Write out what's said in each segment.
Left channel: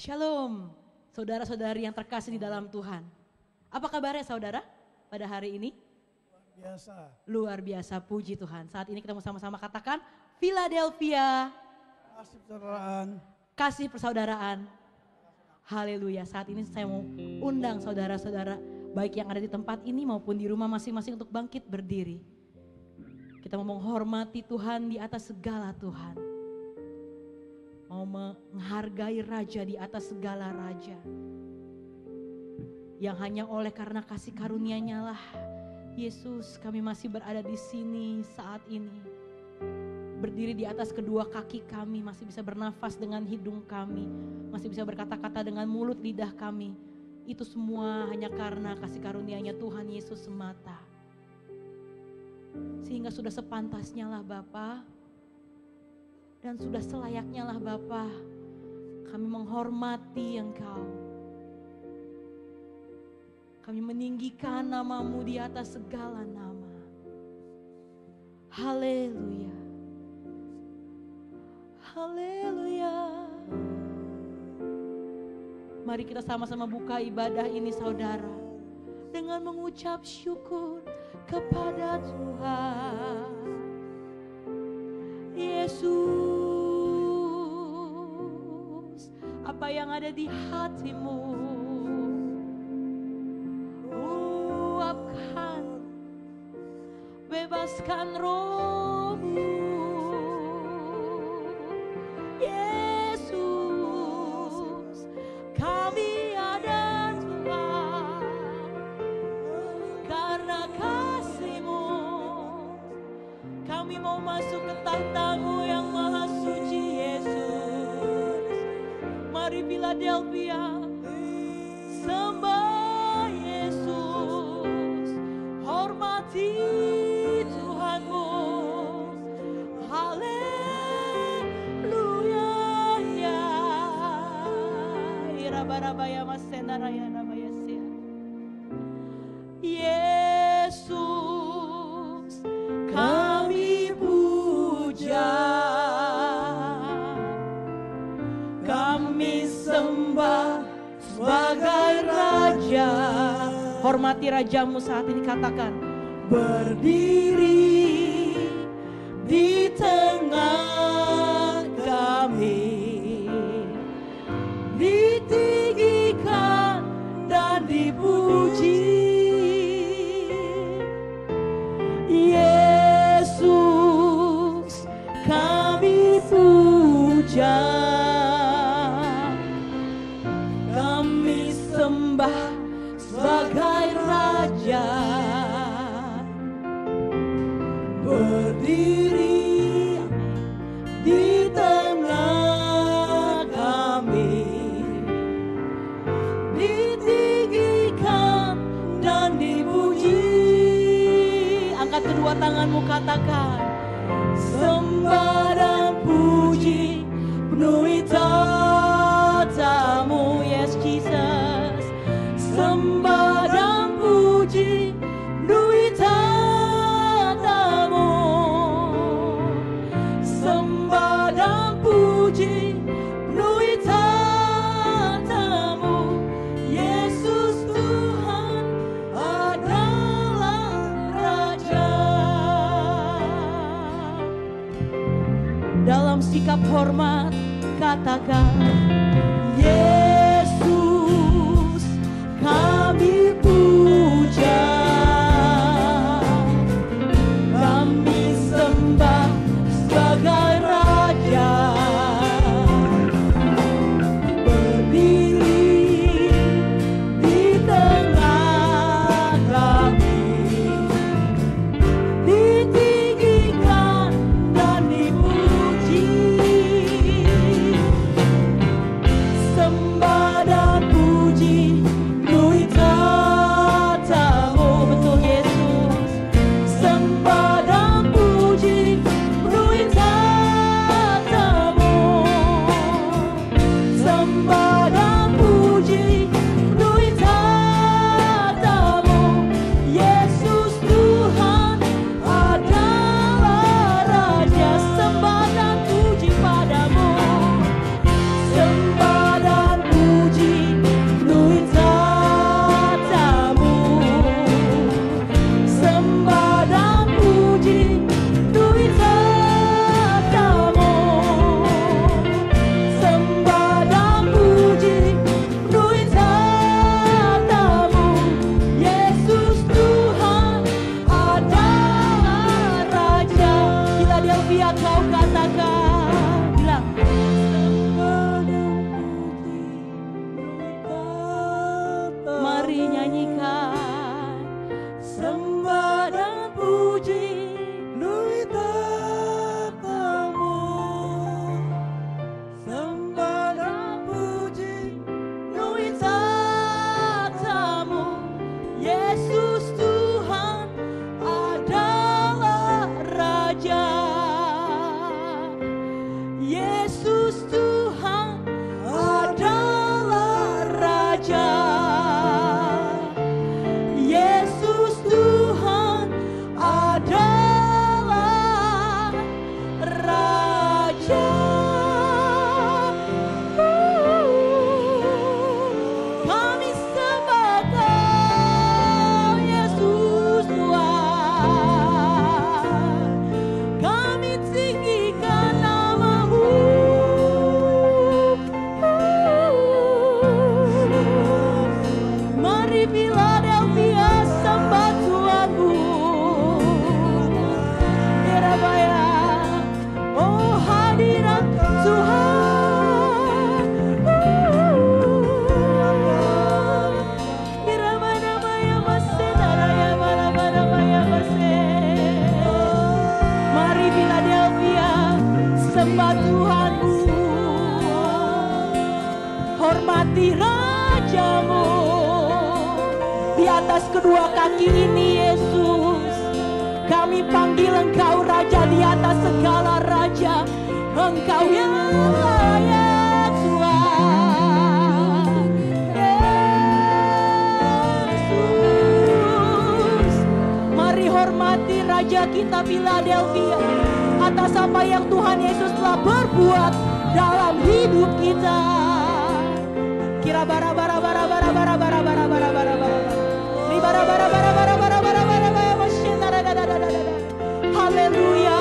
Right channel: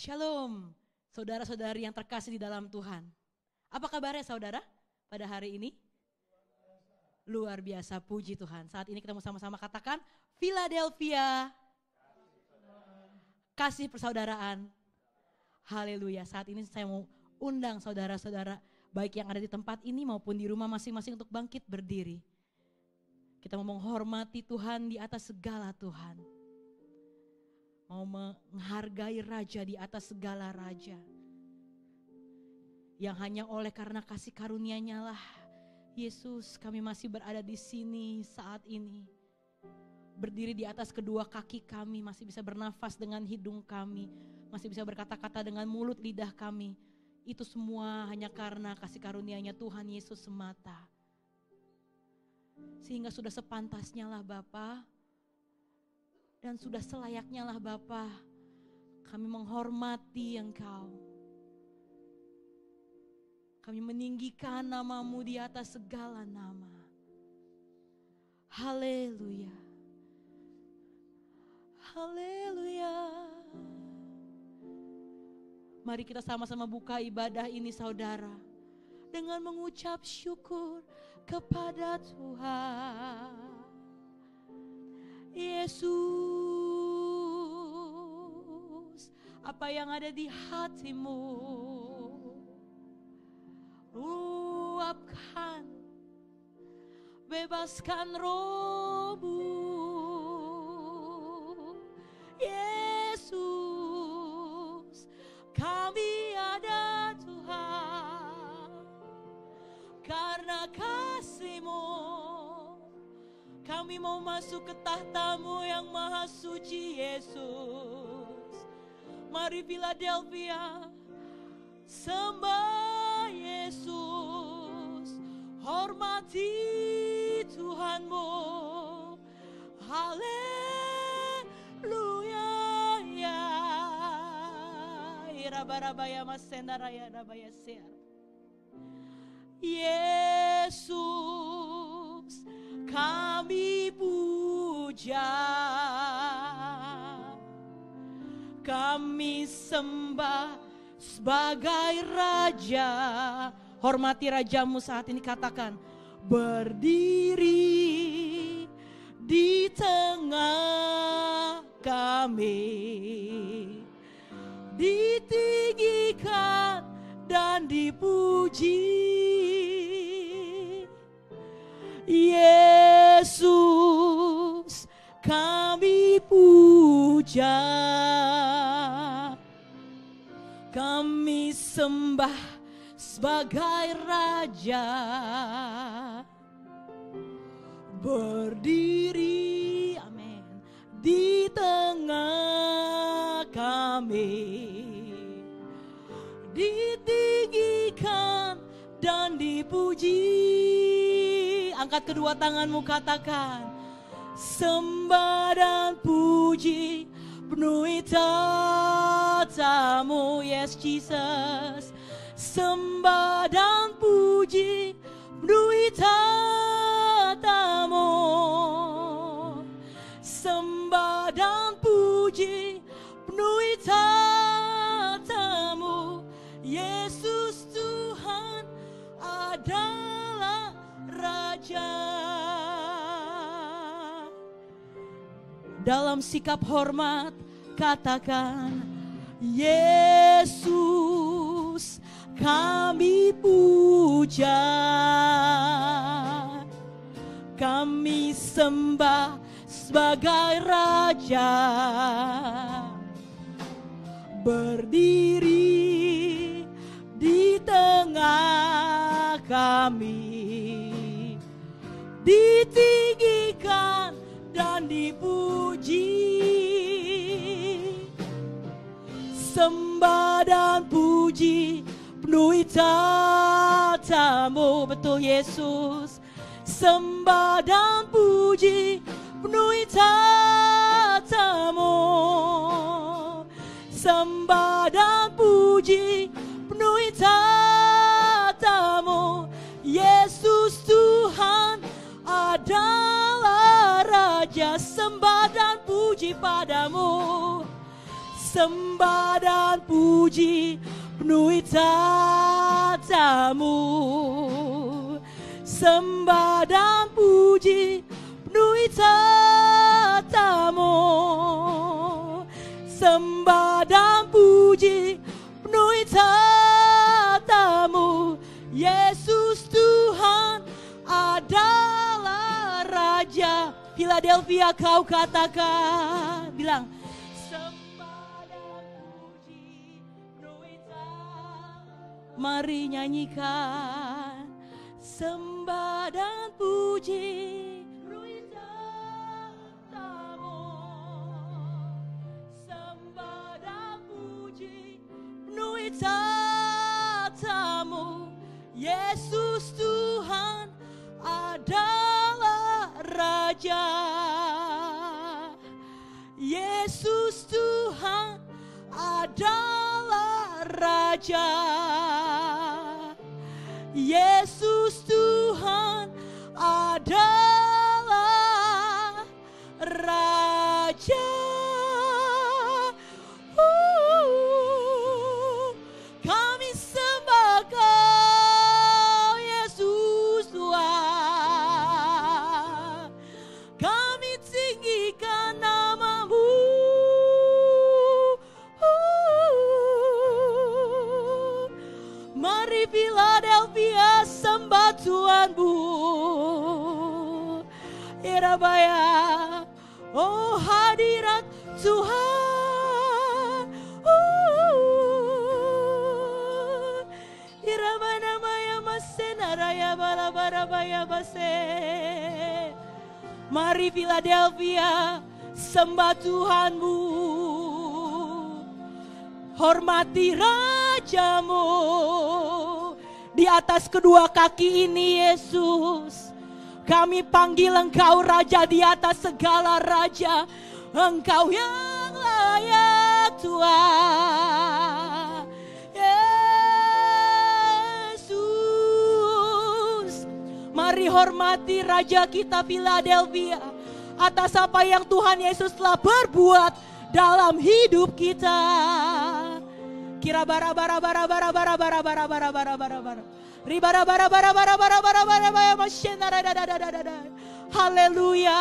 Shalom, saudara-saudari yang terkasih di dalam Tuhan. Apa kabarnya saudara pada hari ini? Biasa. Luar biasa, puji Tuhan. Saat ini kita mau sama-sama katakan Philadelphia. Kasih persaudaraan. Kasih persaudaraan. Haleluya. Saat ini saya mau undang saudara-saudara baik yang ada di tempat ini maupun di rumah masing-masing untuk bangkit berdiri. Kita mau menghormati Tuhan di atas segala Tuhan. Mau menghargai Raja di atas segala Raja. Yang hanya oleh karena kasih karunia-Nya lah Yesus kami masih berada di sini saat ini. Berdiri di atas kedua kaki kami, masih bisa bernafas dengan hidung kami, masih bisa berkata-kata dengan mulut lidah kami. Itu semua hanya karena kasih karunia-Nya Tuhan Yesus semata. Sehingga sudah sepantasnya lah Bapa, dan sudah selayaknya lah Bapa, kami menghormati Engkau. Kami meninggikan nama-Mu di atas segala nama. Haleluya. Haleluya. Mari kita sama-sama buka ibadah ini saudara, dengan mengucap syukur kepada Tuhan. Yesus, apa yang ada di hatimu, luapkan, bebaskan roh-Mu. Yesus, kami ada Tuhan, karena kasih-Mu, kami mau masuk ke takhta-Mu yang maha suci Yesus. Mari Philadelphia, sembah Yesus, hormati Tuhan-Mu. Haleluya ya. Irabarabaya masenaraya nabaya sia. Yesus, kami puja, kami sembah sebagai Raja. Hormati Raja-Mu saat ini, katakan berdiri di tengah kami, ditinggikan dan dipuji. Yesus, kami puja, kami sembah sebagai Raja. Berdiri di tengah kami, ditinggikan dan dipuji. Angkat kedua tanganmu, katakan sembah dan puji penuhi tata-Mu. Yes Jesus, sembah dan puji penuhi tata-Mu. Sembah dan puji penuhi tata-Mu. Yesus Tuhan adalah Raja. Dalam sikap hormat katakan Yesus, kami puja, kami sembah sebagai Raja. Berdiri di tengah kami, ditinggikan dan dipuji. Sembah di atas kedua kaki ini Yesus. Kami panggil Engkau Raja di atas segala raja. Engkau yang layak Tuhan. Yesus, mari hormati Raja kita Philadelphia atas apa yang Tuhan Yesus telah berbuat dalam hidup kita. Kira bara bara bara bara bara bara bara bara bara bara. Ribara bara bara bara bara bara bara bara. Haleluya.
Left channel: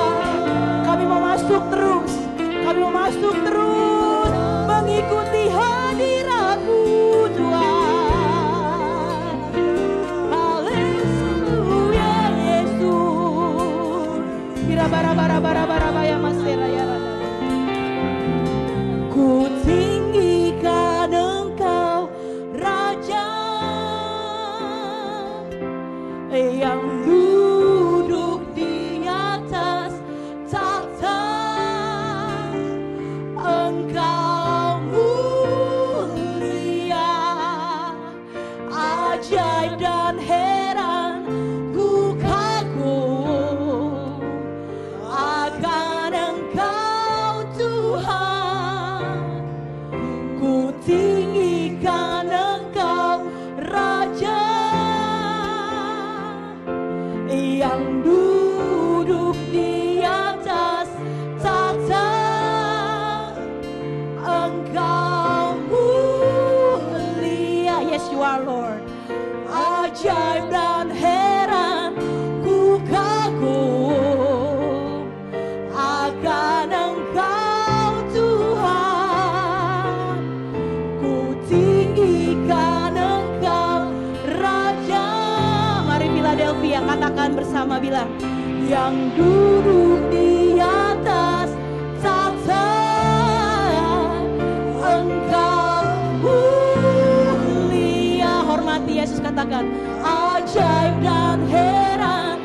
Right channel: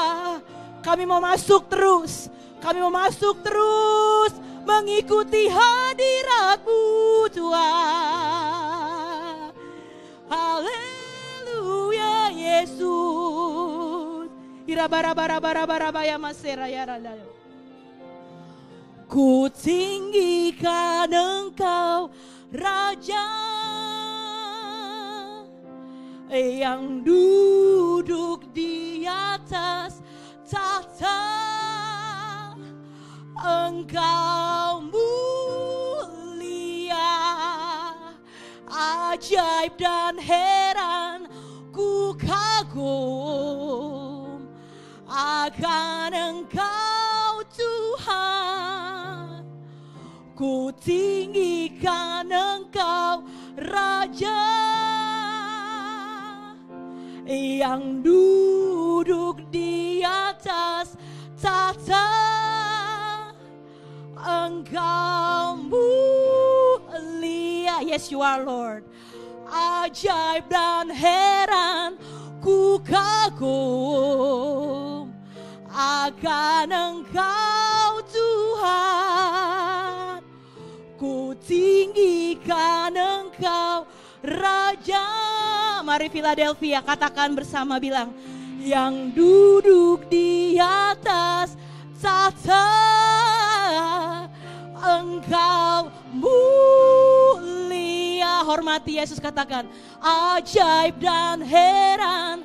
Kami mau masuk terus. Kami mau masuk terus mengikuti hadirat-Mu Tuhan. Haleluya Yesus. Kira bara bara bara bara bara masera ya. Ku tinggikan Engkau Raja yang duduk di atas tahta. Engkau mulia, ajaib dan heran, ku kagum akan Engkau Tuhan. Ku tinggikan Engkau Raja yang duduk di atas tahta. Engkau mulia, yes you are Lord. Ajaib dan heran, ku kagum akan Engkau Tuhan. Ku tinggikan Engkau Raja. Mari Philadelphia katakan bersama, bilang yang duduk di atas tahta. Engkau mulia, hormati Yesus, katakan ajaib dan heran,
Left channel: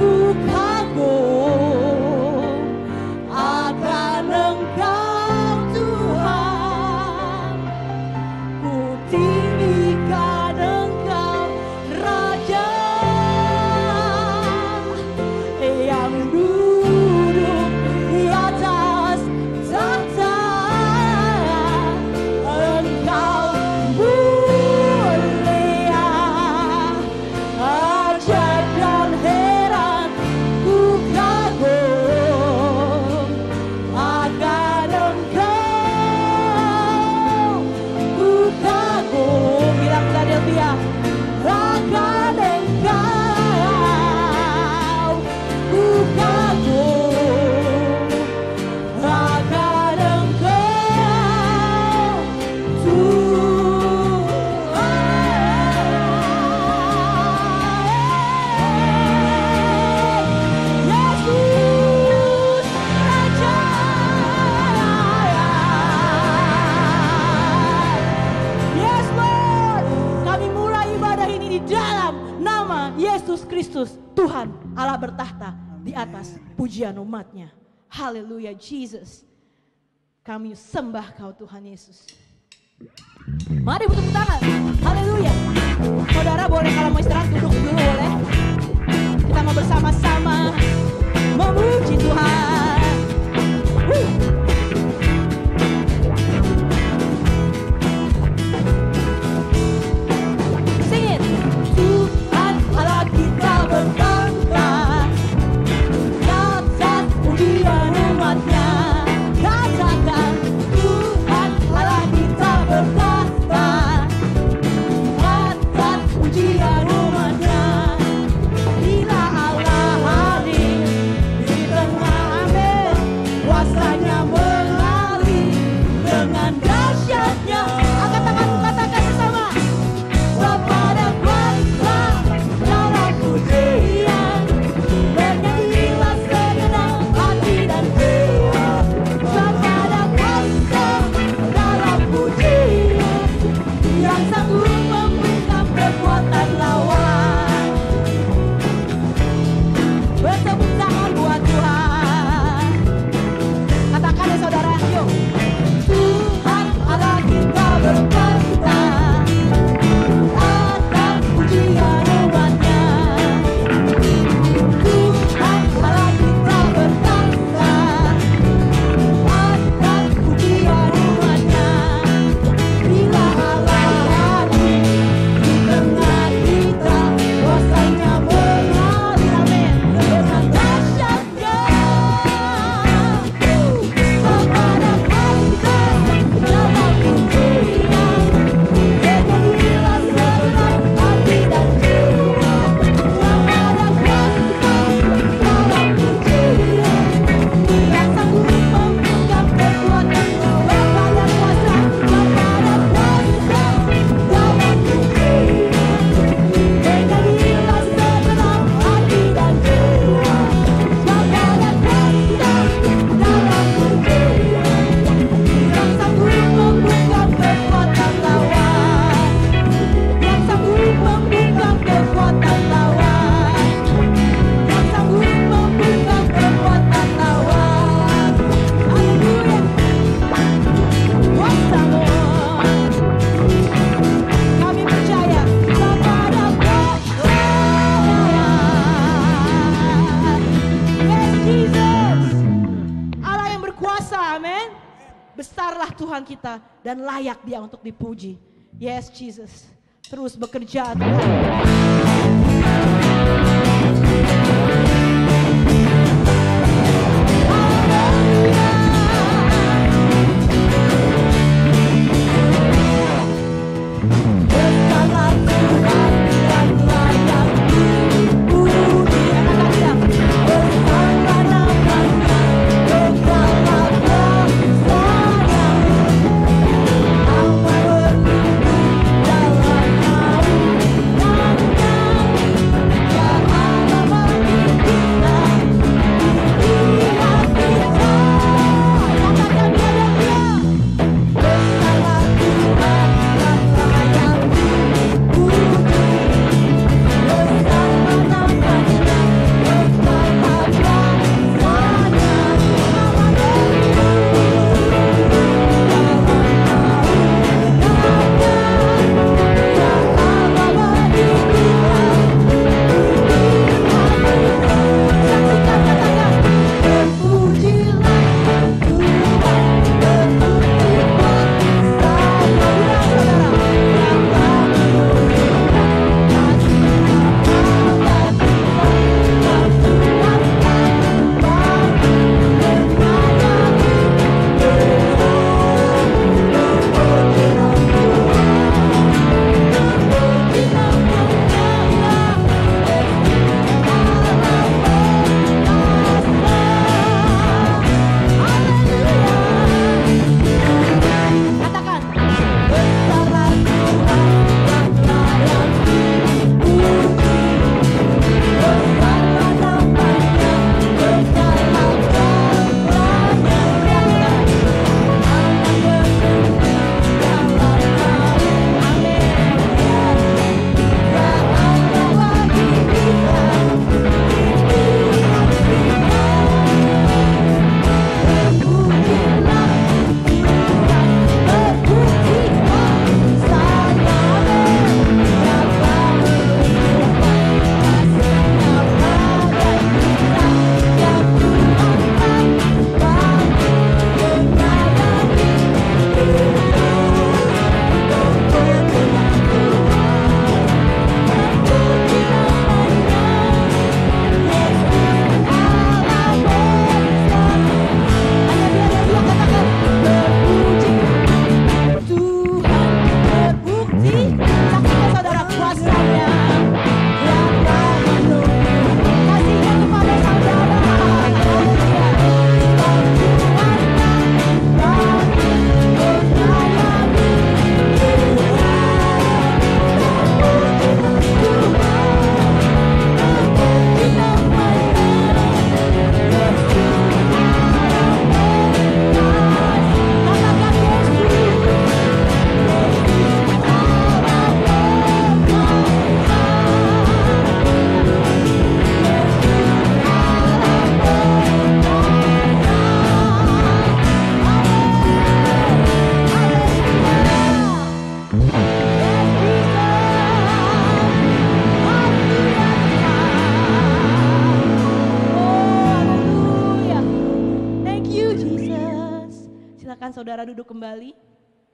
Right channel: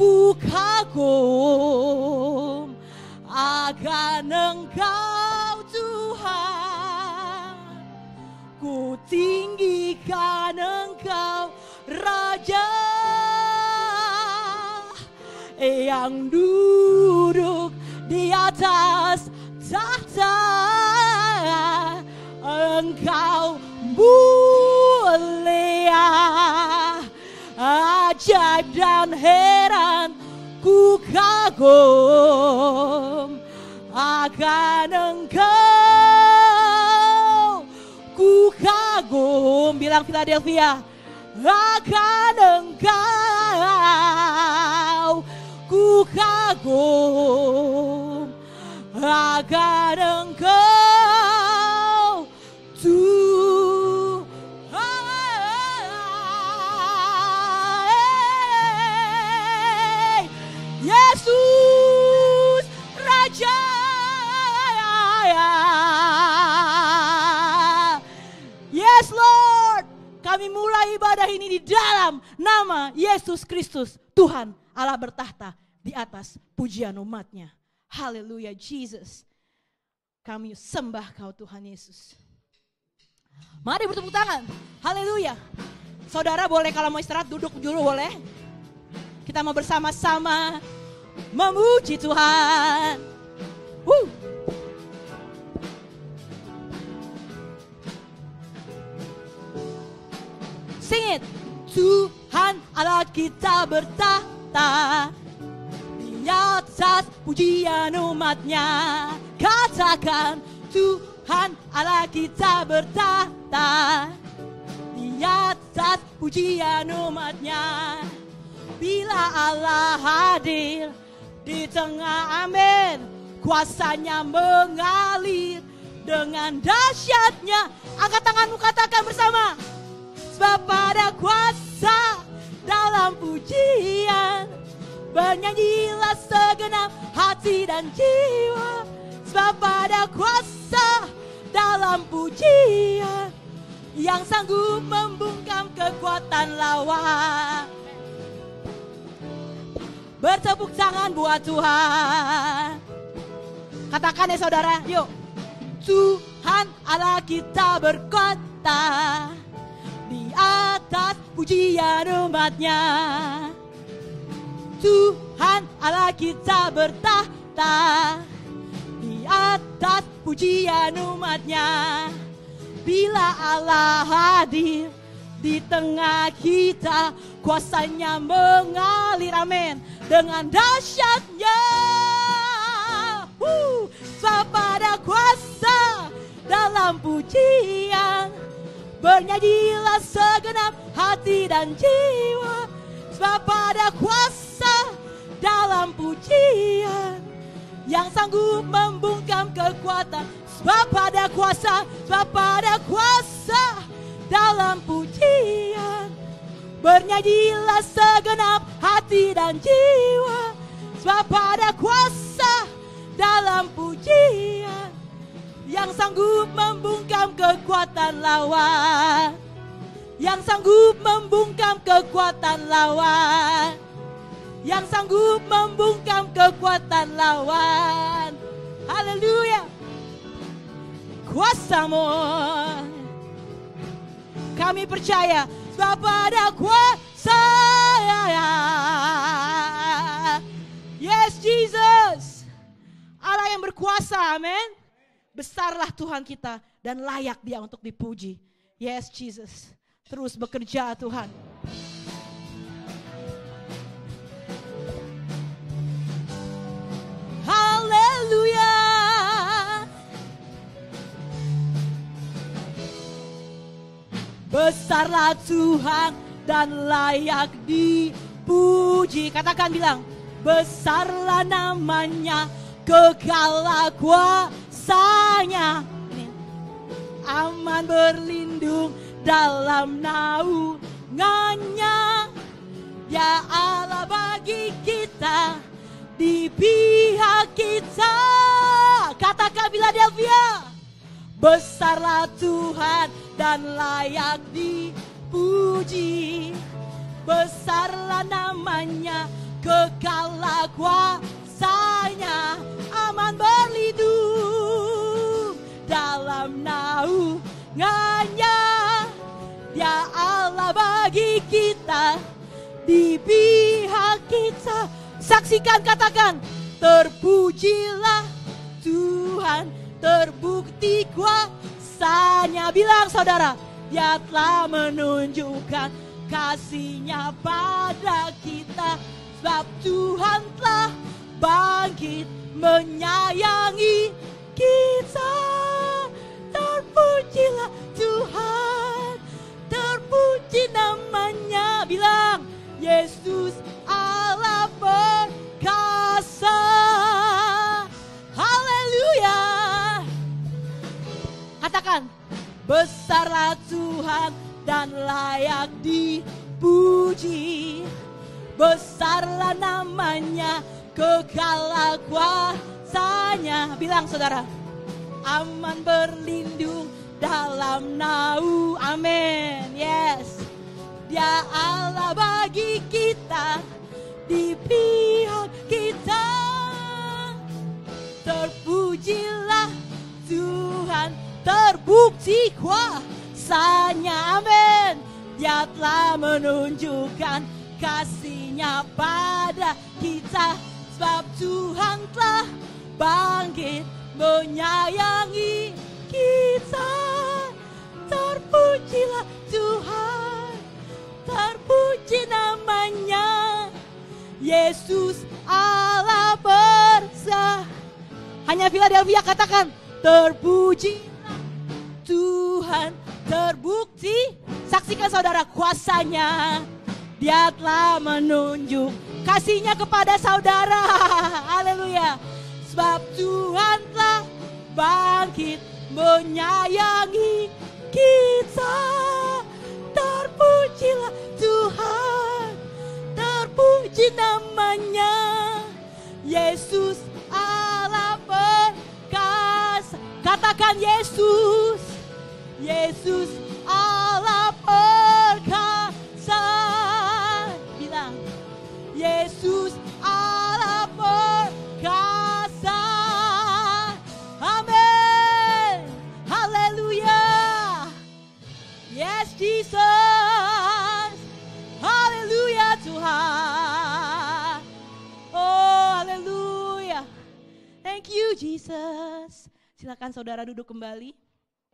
ku kagum akan Engkau Tuhan. Ku tinggikan Engkau Raja yang duduk di atas tahta. Engkau mulia, ajaib dan heran, ku kagum akan Engkau. Ku kagum, bilang Philadelphia, akan Engkau. Ku kagum akan Engkau Tuhan. Yesus Raja. Yes Lord, kami mulai ibadah ini di dalam nama Yesus Kristus, Tuhan Allah bertahta di atas pujian umatnya. Haleluya Jesus. Kami sembah Kau Tuhan Yesus. Mari bertepuk tangan. Haleluya. Saudara boleh kalau mau istirahat duduk dulu boleh. Kita mau bersama-sama memuji Tuhan. Sing it. Tuhan Allah kita bertahta atas pujian umatnya. Katakan Tuhan Allah kita bertahta atas pujian umatnya. Bila Allah hadir di tengah, amin. dan layak dia untuk dipuji. Yes Jesus, terus bekerja Tuhan. Haleluya. Besarlah Tuhan dan layak dipuji. Katakan bilang, besarlah namanya, kekalah kuasanya. Allah berlindung dalam naungannya. Ya Allah bagi kita, di pihak kita. Katakan bilang dia, besarlah Tuhan dan layak dipuji. Besarlah namanya, kekalah kuasanya. Allah berlindung dalam naungannya. Ya Allah bagi kita, di pihak kita. Saksikan, katakan, terpujilah Tuhan, terbukti kuasanya. Bilang saudara, yang telah menunjukkan kasih-Nya pada kita. Dan Tuhan tak bagi menyayangi kita. Terpujilah Tuhan, terpuji namanya, ya Yesus Allah perkasa. Haleluya. Katakan, besarlah Tuhan yang layak dipuji. Besarlah namanya, kekalah kuasanya. Bilang saudara, Allah berlindung dalam naungan. Amin. Yes. Ya Allah bagi kita, di pihak kita. Terpujilah Tuhan, terbukti kuasanya. Amin. Dia telah menunjukkan kasih-Nya pada kita. Ya Tuhan tak bagi menyayangi kita. Terpujilah Tuhan, terpuji namanya, Yesus Allah besar. Hanya biar dia katakan, terpuji Tuhan, terbukti. Saksikan saudara kuasanya. Dia telah menunjuk kasih-Nya kepada saudara. Haleluya. Sebab Tuhan tak bagi menyayangi kita. Terpujilah Tuhan, terpuji namanya, Yesus Allah perkasa. Katakan Yesus, Yesus Allah perkasa. Yesus Allah perkasa. Amin. Haleluya. Yes, Jesus. Haleluya Tuhan. Oh, haleluya. Thank you Jesus. Silakan saudara duduk kembali.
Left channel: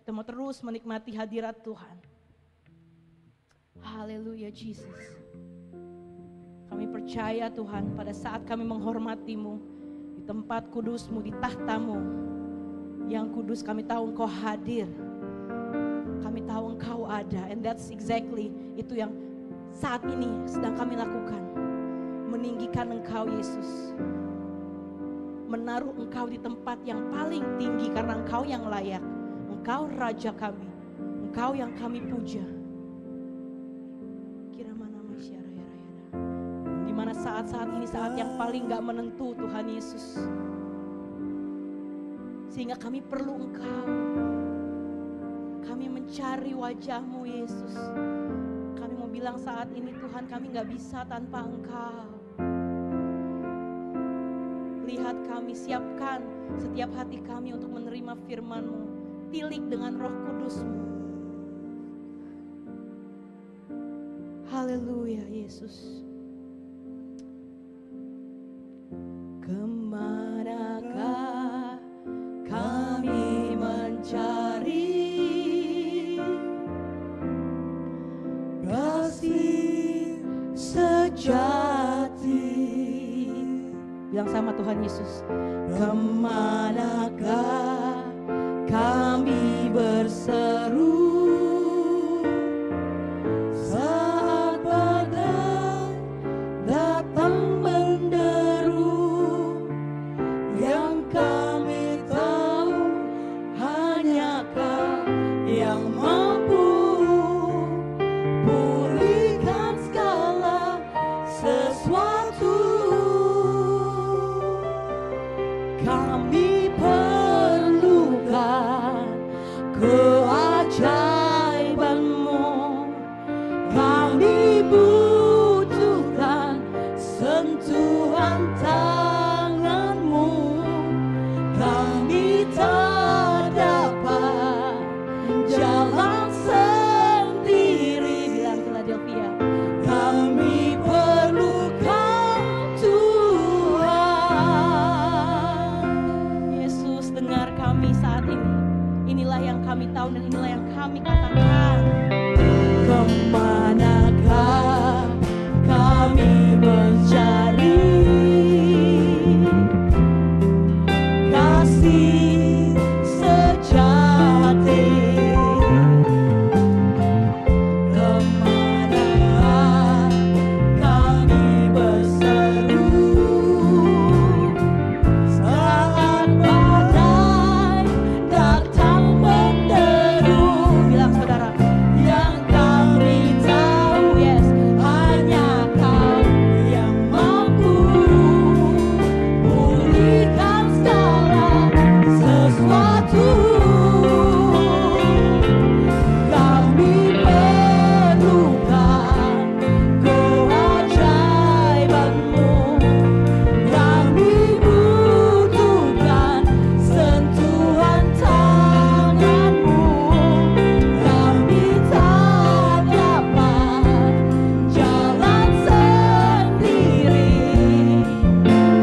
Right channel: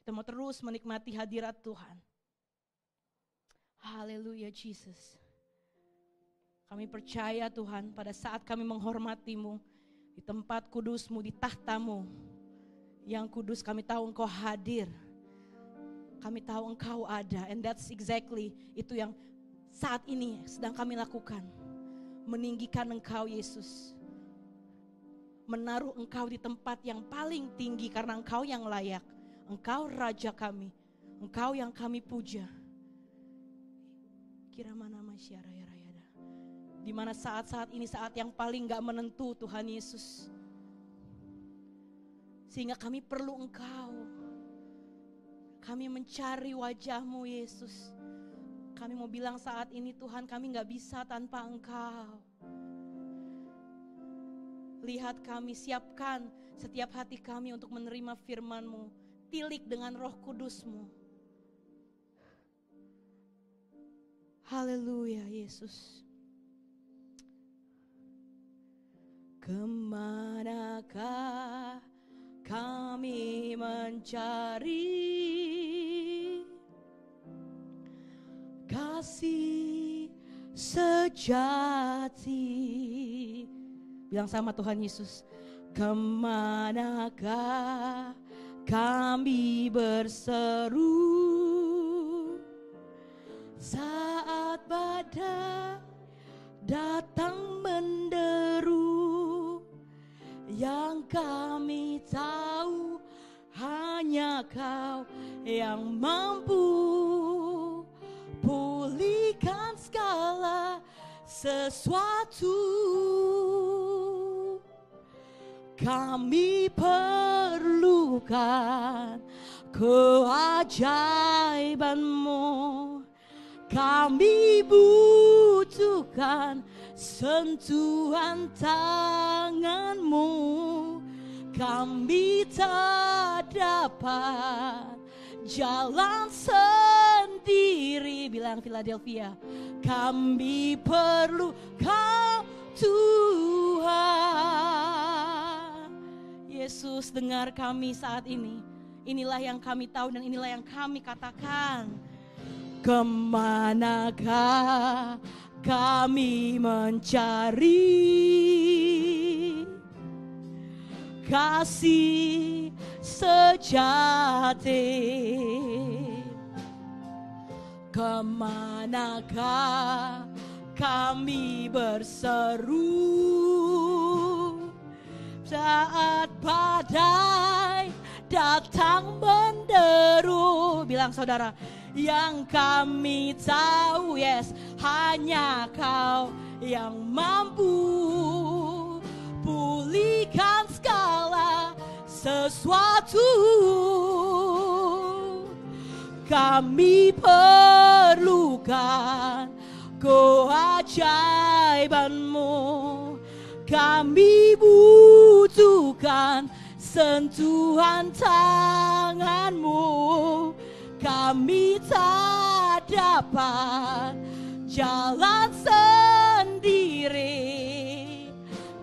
Kita mau terus menikmati hadirat Tuhan. Haleluya Jesus. Kami percaya Tuhan, pada saat kami menghormati-Mu di tempat kudus-Mu, di tahta-Mu yang kudus, kami tahu Engkau hadir. Kami tahu Engkau ada, and that's exactly itu yang saat ini sedang kami lakukan. Meninggikan Engkau Yesus, menaruh Engkau di tempat yang paling tinggi karena Engkau yang layak. Engkau Raja kami, Engkau yang kami puja. Di mana saat-saat ini saat yang paling gak menentu Tuhan Yesus, sehingga kami perlu Engkau. Kami mencari wajah-Mu Yesus. Kami mau bilang saat ini Tuhan, kami gak bisa tanpa Engkau. Lihat kami, siapkan setiap hati kami untuk menerima firman-Mu. Tilik dengan Roh Kudus-Mu. Haleluya Yesus. Kemanakah kami mencari Bilang sama Tuhan Yesus. Kemanakah kami berseru saat badai datang menderu, yang kami tahu hanya Kau yang mampu pulihkan segala sesuatu. Kami perlukan keajaiban-Mu, kami butuhkan sentuhan tangan-Mu, kami tak dapat jalan sendiri. Bilang Philadelphia, kami perlukan Tuhan. Yesus, dengar kami saat ini. Inilah yang kami tahu dan inilah yang kami katakan. Kemanakah kami mencari kasih sejati? Kemanakah kami berseru saat badai datang menderu? Bilang saudara, yang kami tahu, yes, hanya Kau yang mampu pulihkan segala sesuatu. Kami perlukan keajaiban-Mu, kami butuhkan sentuhan tangan-Mu, kami tak dapat jalan sendiri,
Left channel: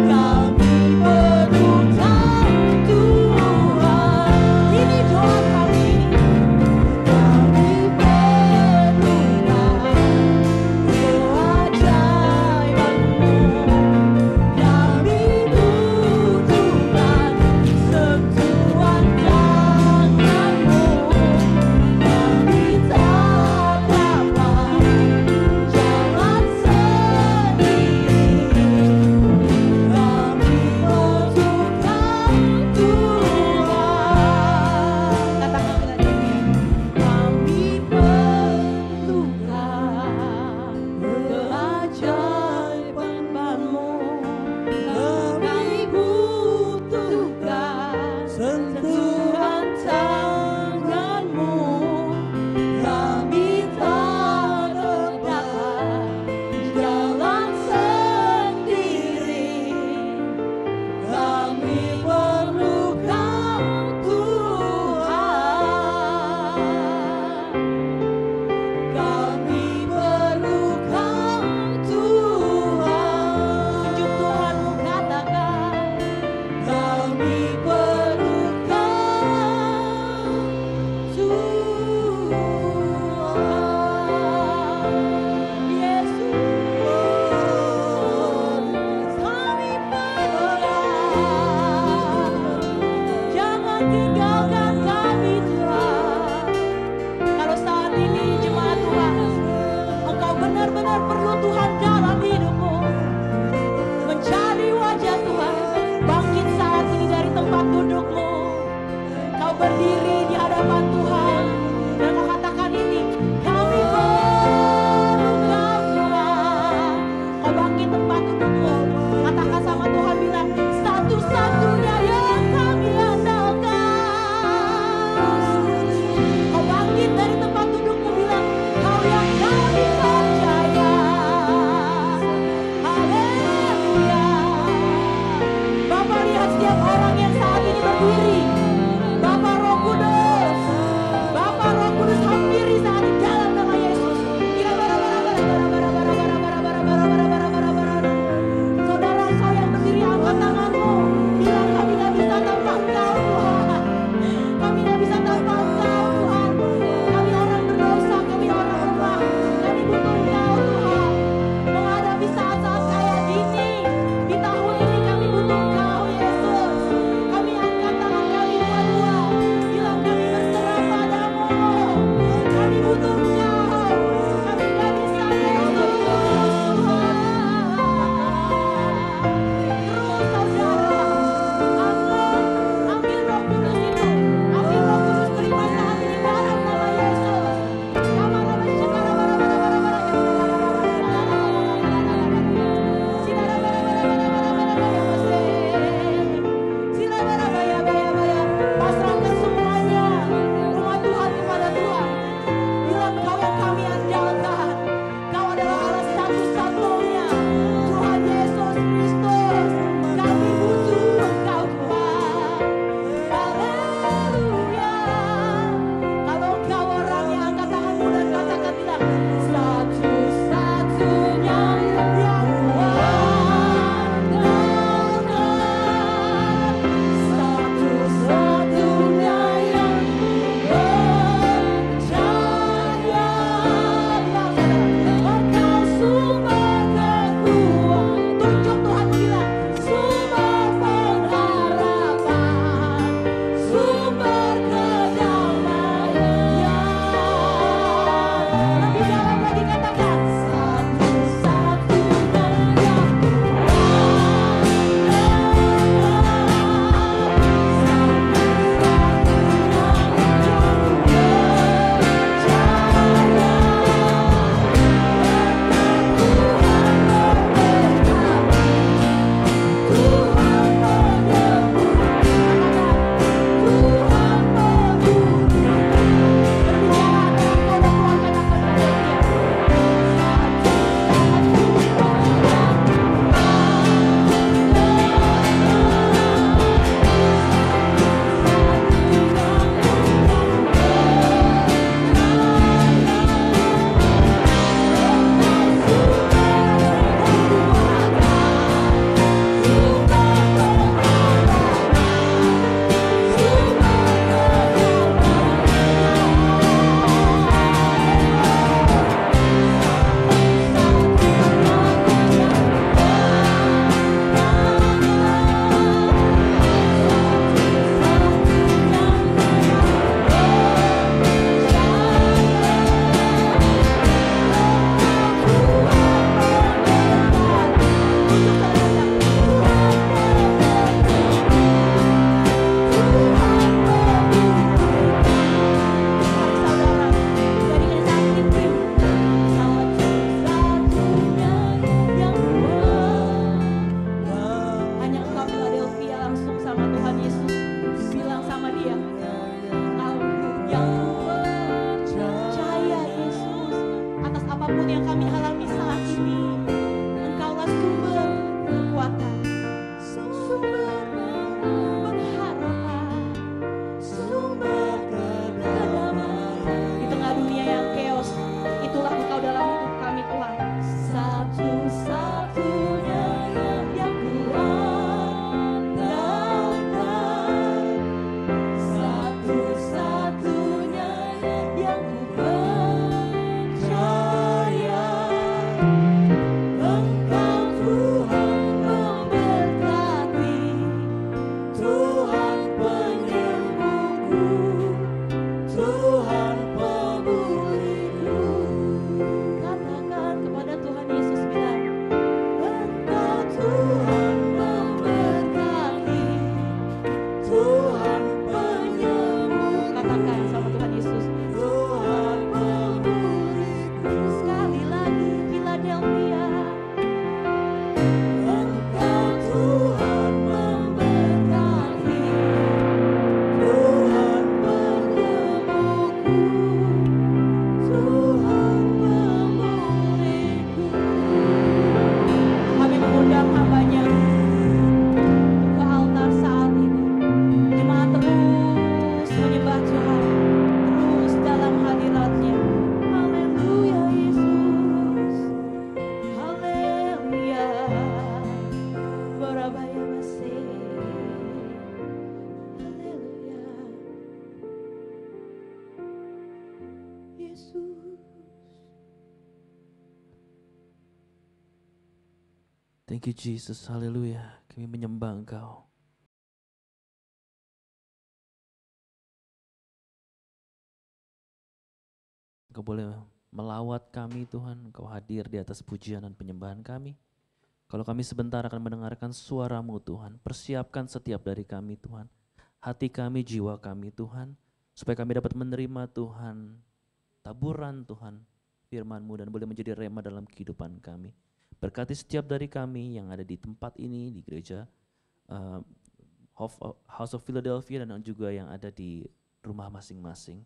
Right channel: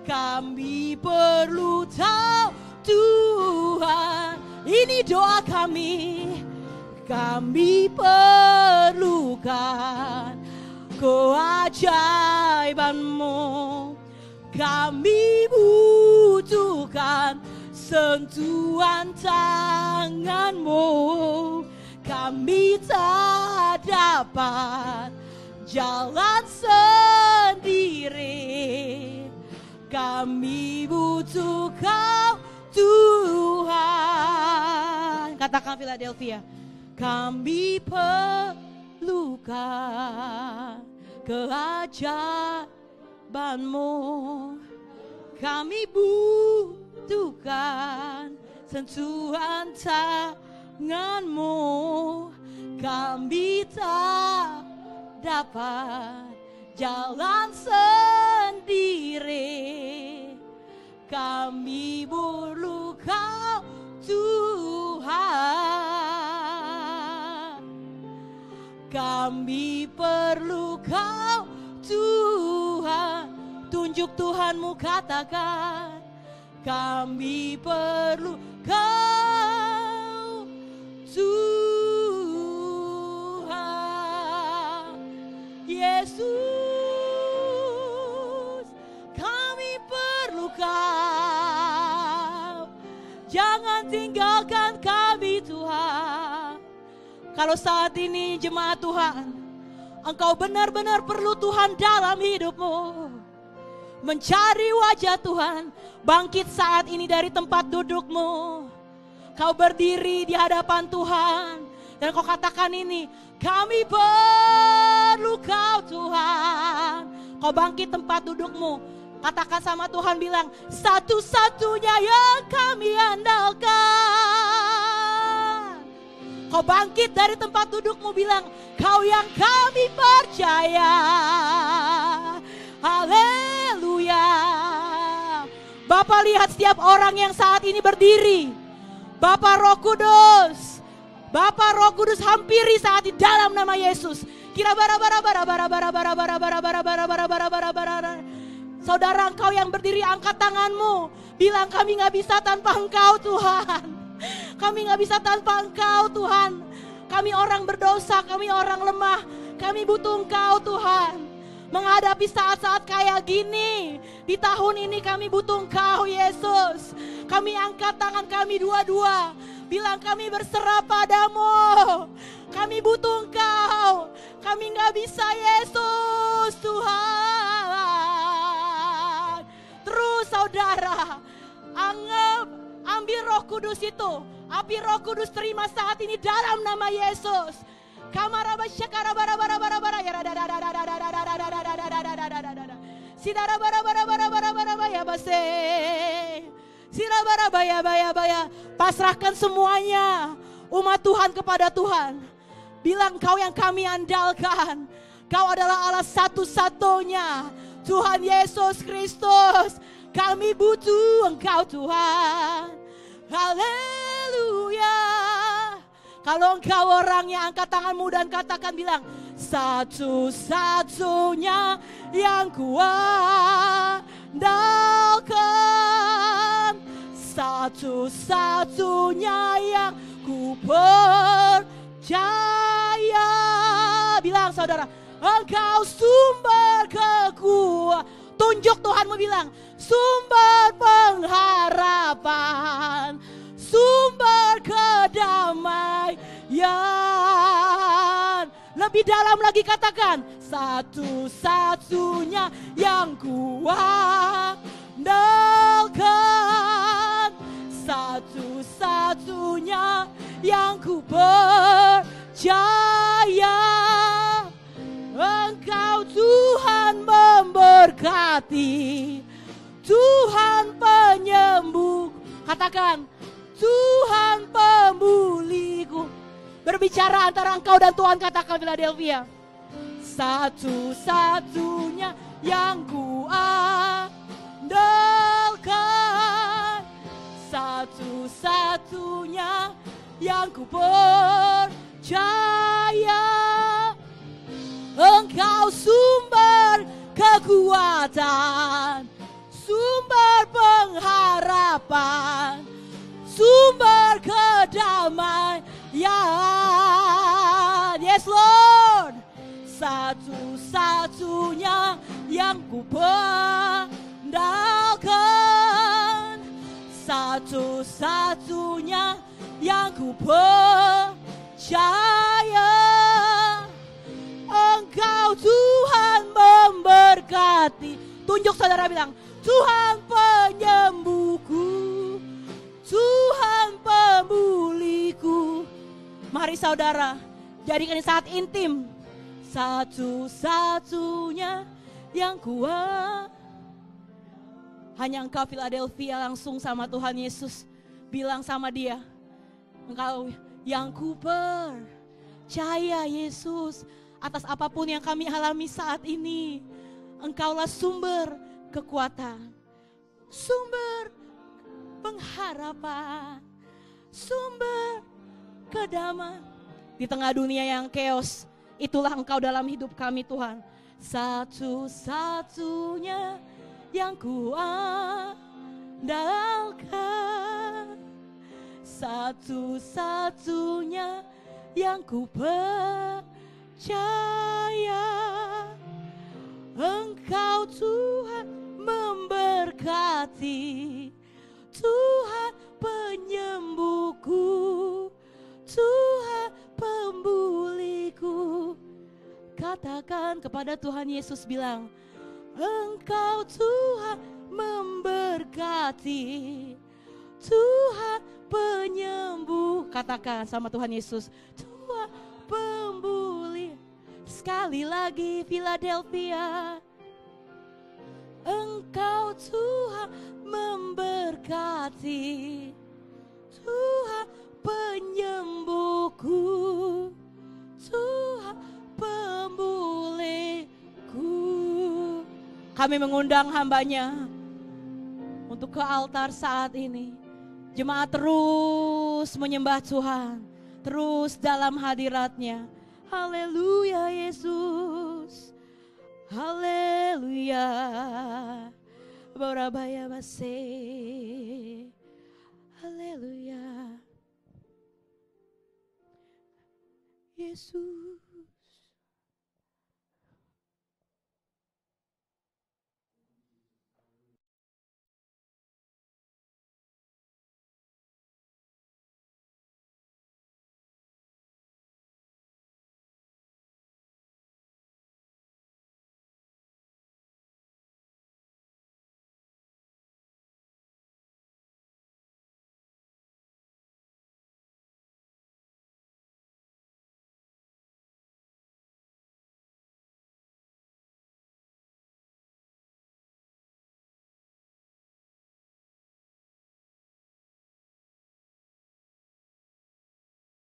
kami perlukan Tuhan. Ini doa kami. Kami perlukan keajaiban-Mu, kami butuhkan sentuhan tangan-Mu, kami tak dapat jalan sendiri, kami butuhkan Tuhan. Katakan Philadelphia, kami perlukan keajaiban-Mu, kami butuhkan sentuhan tangan-Mu, kami tak dapat jalan sendiri, kami perlukan Tuhan. Kami perlukan Tuhan. Tunjuk Tuhan-Mu, katakan. Kami perlukan Tuhan. Yesus, kami perlukan. Jangan tinggalkan kami, Tuhan. Kalau saat ini jemaat Tuhan, engkau benar-benar perlu Tuhan dalam hidupmu, mencari wajah Tuhan, bangkit saat ini dari tempat dudukmu. Kau berdiri di hadapan Tuhan dan kau katakan ini, kami perlu Kau Tuhan. Kau bangkit tempat dudukmu, katakan sama Tuhan, bilang, satu-satunya yang kami andalkan. Kau bangkit dari tempat dudukmu, bilang, Kau yang kami percaya. Haleluya. Bapak lihat setiap orang yang saat ini berdiri. Bapak Roh Kudus, Bapak Roh Kudus hampiri saat di dalam nama Yesus. Kira bara-bara-bara. Saudara engkau yang berdiri, angkat tanganmu, bilang, kami gak bisa tanpa Engkau Tuhan. Kami gak bisa tanpa Engkau Tuhan. Kami orang berdosa, kami orang lemah, kami butuh Engkau Tuhan. Menghadap Tapi saat-saat kayak gini, di tahun ini kami butuh Engkau Yesus. Kami angkat tangan kami dua-dua, bilang kami berserah padamu. Kami butuh Engkau, kami gak bisa Yesus Tuhan. Terus saudara, ambil Roh Kudus itu, ambil Roh Kudus, terima saat ini dalam nama Yesus. Pasrahkan semuanya umat Tuhan kepada Tuhan. Bilang Kau yang kami andalkan, Kau adalah Allah satu-satunya, Tuhan Yesus Kristus. Kami butuh Engkau Tuhan. Haleluya. Kalau Engkau orang yang angkat tanganmu dan katakan, bilang satu-satunya yang kuandalkan, satu-satunya yang percaya. Bilang saudara, Engkau sumber kekuatan. Tunjuk Tuhanmu, bilang sumber pengharapan, sumber kedamaian. Lebih dalam lagi katakan, satu-satunya yang kuandalkan, satu-satunya yang kupercaya. Engkau Tuhan memberkati, Tuhan penyembuh. Katakan, Tuhan pemulih. Berbicara antara engkau dan Tuhan, katakan dengan dia. Satu-satunya yang kuandalkan, satu-satunya yang percaya. Engkau sumber kekuatan, sumber pengharapan, sumber kedamaian. Yes Lord. Satu-satunya yang kuandalkan, satu-satunya yang percaya. Engkau Tuhan memberkati. Tunjuk saudara, bilang Tuhan penyembuh, Tuhan pemulihku. Mari saudara, jadikan saat intim. Satu-satunya yang kuat. Hanya Engkau Philadelphia, langsung sama Tuhan Yesus. Bilang sama dia, Engkau yang kupercaya Yesus. Atas apapun yang kami alami saat ini, Engkaulah sumber kekuatan, sumber pengharapan, sumber kedamaian. Di tengah dunia yang chaos, itulah Engkau dalam hidup kami Tuhan. Satu-satunya yang kuandalkan, satu-satunya yang kupercaya. Engkau Tuhan memberkati, Tuhan penyembuhku, Tuhan pemulihku. Katakan kepada Tuhan Yesus, bilang Engkau Tuhan memberkati, Tuhan penyembuh. Katakan sama Tuhan Yesus, Tuhan pemulihku. Sekali lagi Philadelphia, Engkau Tuhan memberkati, Tuhan penyembuhku, Tuhan pemulihku. Kami mengundang hamba-Nya untuk ke altar saat ini. Jemaat terus menyembah Tuhan, terus dalam hadirat-Nya. Haleluya Yesus, haleluya. Borabaya Masih, haleluya Yesus. Thank you Jesus, haleluya. Kami menyembah Engkau. Engkau boleh melawat kami Tuhan, Engkau hadir di atas pujian dan penyembahan kami. Kalau kami sebentar akan mendengarkan suara-Mu Tuhan, persiapkan setiap dari kami Tuhan. Hati kami, jiwa kami Tuhan, supaya kami dapat menerima Tuhan, taburan Tuhan, firman-Mu dan boleh menjadi rema dalam kehidupan kami. Berkati setiap dari kami yang ada di tempat ini, di gereja House of Philadelphia dan juga yang ada di rumah masing-masing.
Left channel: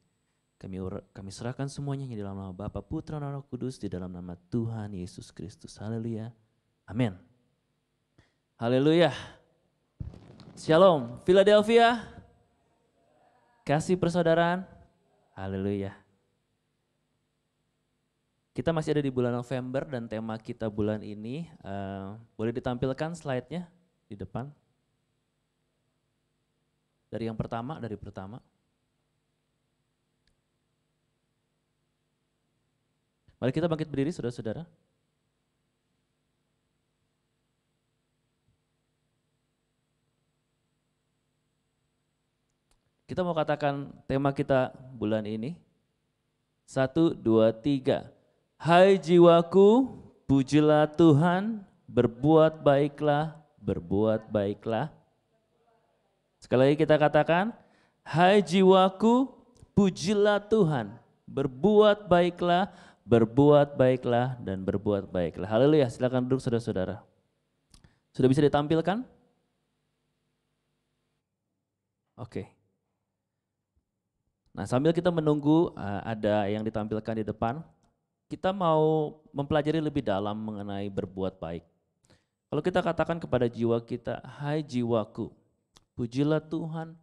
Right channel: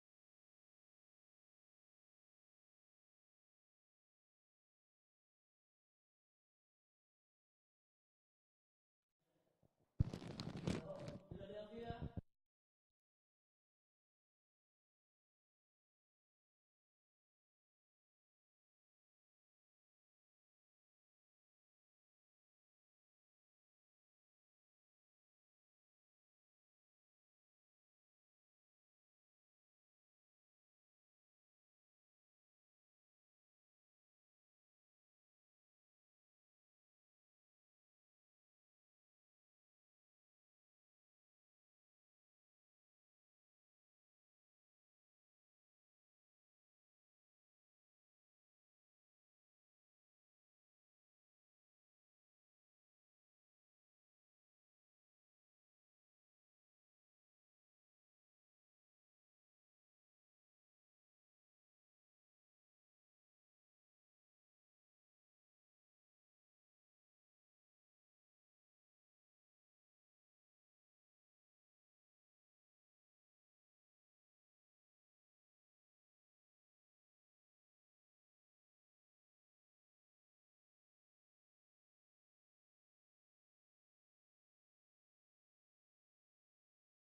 Kami serahkan semuanya di dalam nama Bapa, Putra, dan Roh Kudus, di dalam nama Tuhan Yesus Kristus. Haleluya. Amin. Haleluya. Shalom, Philadelphia. Kasih persaudaraan. Haleluya. Kita masih ada di bulan November dan tema kita bulan ini, boleh ditampilkan slide-nya di depan. Dari yang pertama, dari pertama. Mari kita bangkit berdiri saudara-saudara. Kita mau katakan tema kita bulan ini. 1, 2, 3. Hai jiwaku, pujilah Tuhan, berbuat baiklah, berbuat baiklah. Sekali lagi kita katakan, hai jiwaku, pujilah Tuhan, berbuat baiklah, berbuat baiklah, dan berbuat baiklah. Haleluya, silakan duduk saudara-saudara. Sudah bisa ditampilkan? Oke. Nah, sambil kita menunggu ada yang ditampilkan di depan, kita mau mempelajari lebih dalam mengenai berbuat baik. Kalau kita katakan kepada jiwa kita, hai jiwaku, pujilah Tuhan,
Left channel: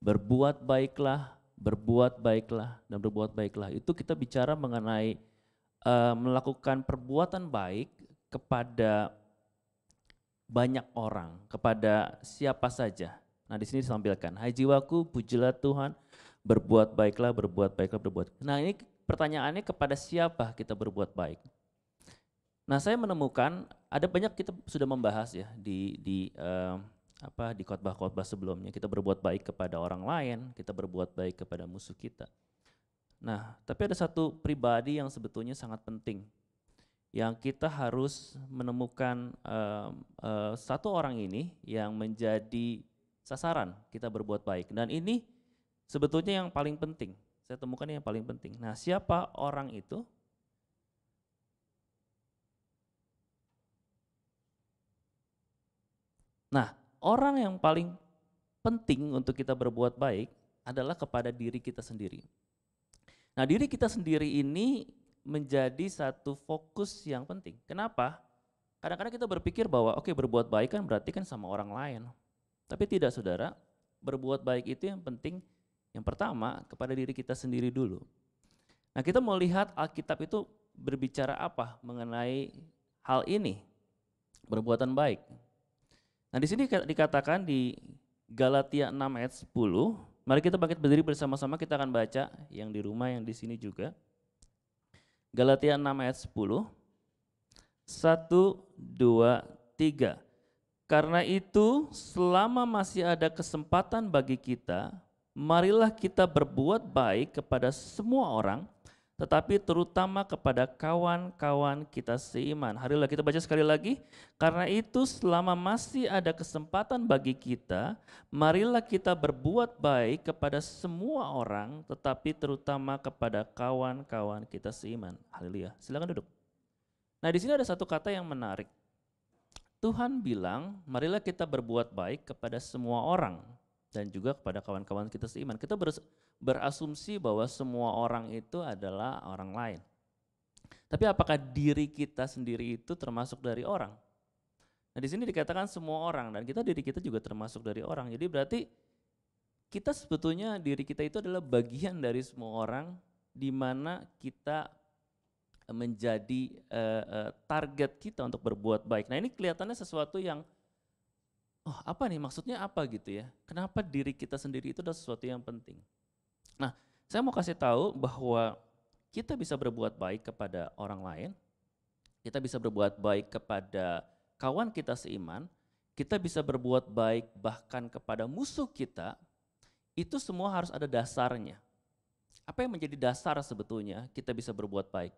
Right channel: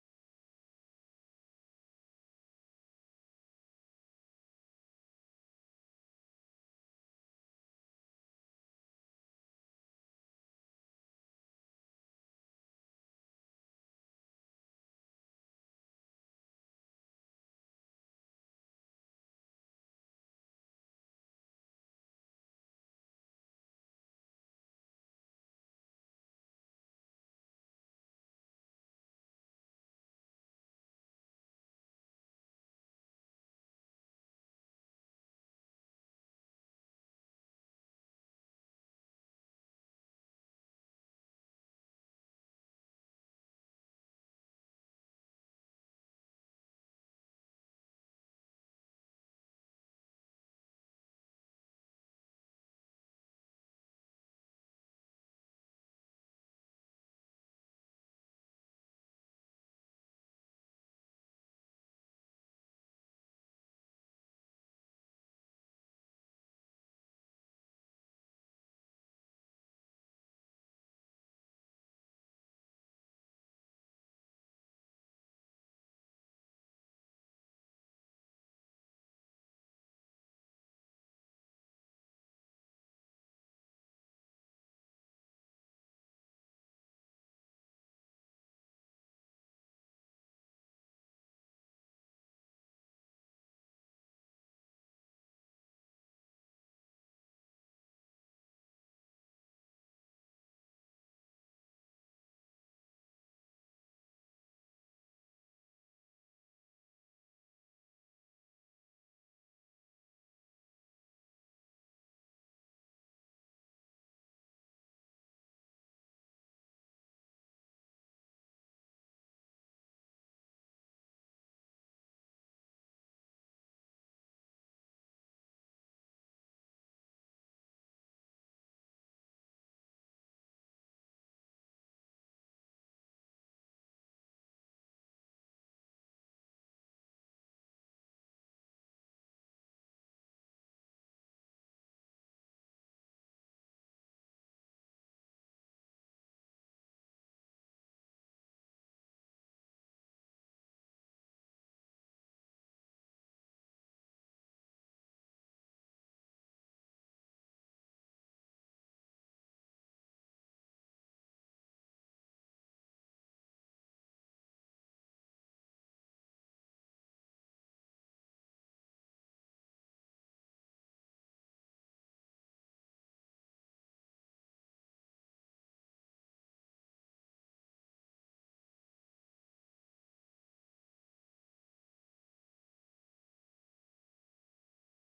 berbuat baiklah, dan berbuat baiklah. Itu kita bicara mengenai melakukan perbuatan baik kepada banyak orang, kepada siapa saja. Nah, di sini ditampilkan, hai jiwaku, pujilah Tuhan, berbuat baiklah, berbuat baiklah, berbuat. Nah, ini pertanyaannya kepada siapa kita berbuat baik. Nah, saya menemukan ada banyak kita sudah membahas ya di khotbah-khotbah sebelumnya. Kita berbuat baik kepada orang lain, kita berbuat baik kepada musuh kita. Nah, tapi ada satu pribadi yang sebetulnya sangat penting, yang kita harus menemukan satu orang ini yang menjadi sasaran kita berbuat baik. Dan ini sebetulnya yang paling penting, saya temukan yang paling penting. Nah, siapa orang itu? Nah, orang yang paling penting untuk kita berbuat baik adalah kepada diri kita sendiri. Nah, diri kita sendiri ini menjadi satu fokus yang penting. Kenapa? Kadang-kadang kita berpikir bahwa oke, berbuat baik kan berarti kan sama orang lain. Tapi tidak saudara, berbuat baik itu yang penting. Yang pertama, kepada diri kita sendiri dulu. Nah, kita mau lihat Alkitab itu berbicara apa mengenai hal ini, perbuatan baik. Nah, di sini dikatakan di Galatia 6 ayat 10, mari kita bangkit berdiri bersama-sama, kita akan baca yang di rumah, yang di sini juga. Galatia 6 ayat 10, 1, 2, 3. Karena itu, selama masih ada kesempatan bagi kita, marilah kita berbuat baik kepada semua orang, tetapi terutama kepada kawan-kawan kita seiman. Harilah kita baca sekali lagi. Karena itu selama masih ada kesempatan bagi kita, marilah kita berbuat baik kepada semua orang, tetapi terutama kepada kawan-kawan kita seiman. Haleluya. Silakan duduk. Nah, di sini ada satu kata yang menarik. Tuhan bilang, marilah kita berbuat baik kepada semua orang dan juga kepada kawan-kawan kita seiman. Kita berasumsi bahwa semua orang itu adalah orang lain. Tapi apakah diri kita sendiri itu termasuk dari orang? Nah, di sini dikatakan semua orang, dan diri kita juga termasuk dari orang. Jadi berarti kita sebetulnya diri kita itu adalah bagian dari semua orang, di mana kita menjadi target kita untuk berbuat baik. Nah, ini kelihatannya sesuatu yang apa nih, maksudnya apa gitu ya? Kenapa diri kita sendiri itu adalah sesuatu yang penting? Nah, saya mau kasih tahu bahwa kita bisa berbuat baik kepada orang lain, kita bisa berbuat baik kepada kawan kita seiman, kita bisa berbuat baik bahkan kepada musuh kita, itu semua harus ada dasarnya. Apa yang menjadi dasar sebetulnya kita bisa berbuat baik?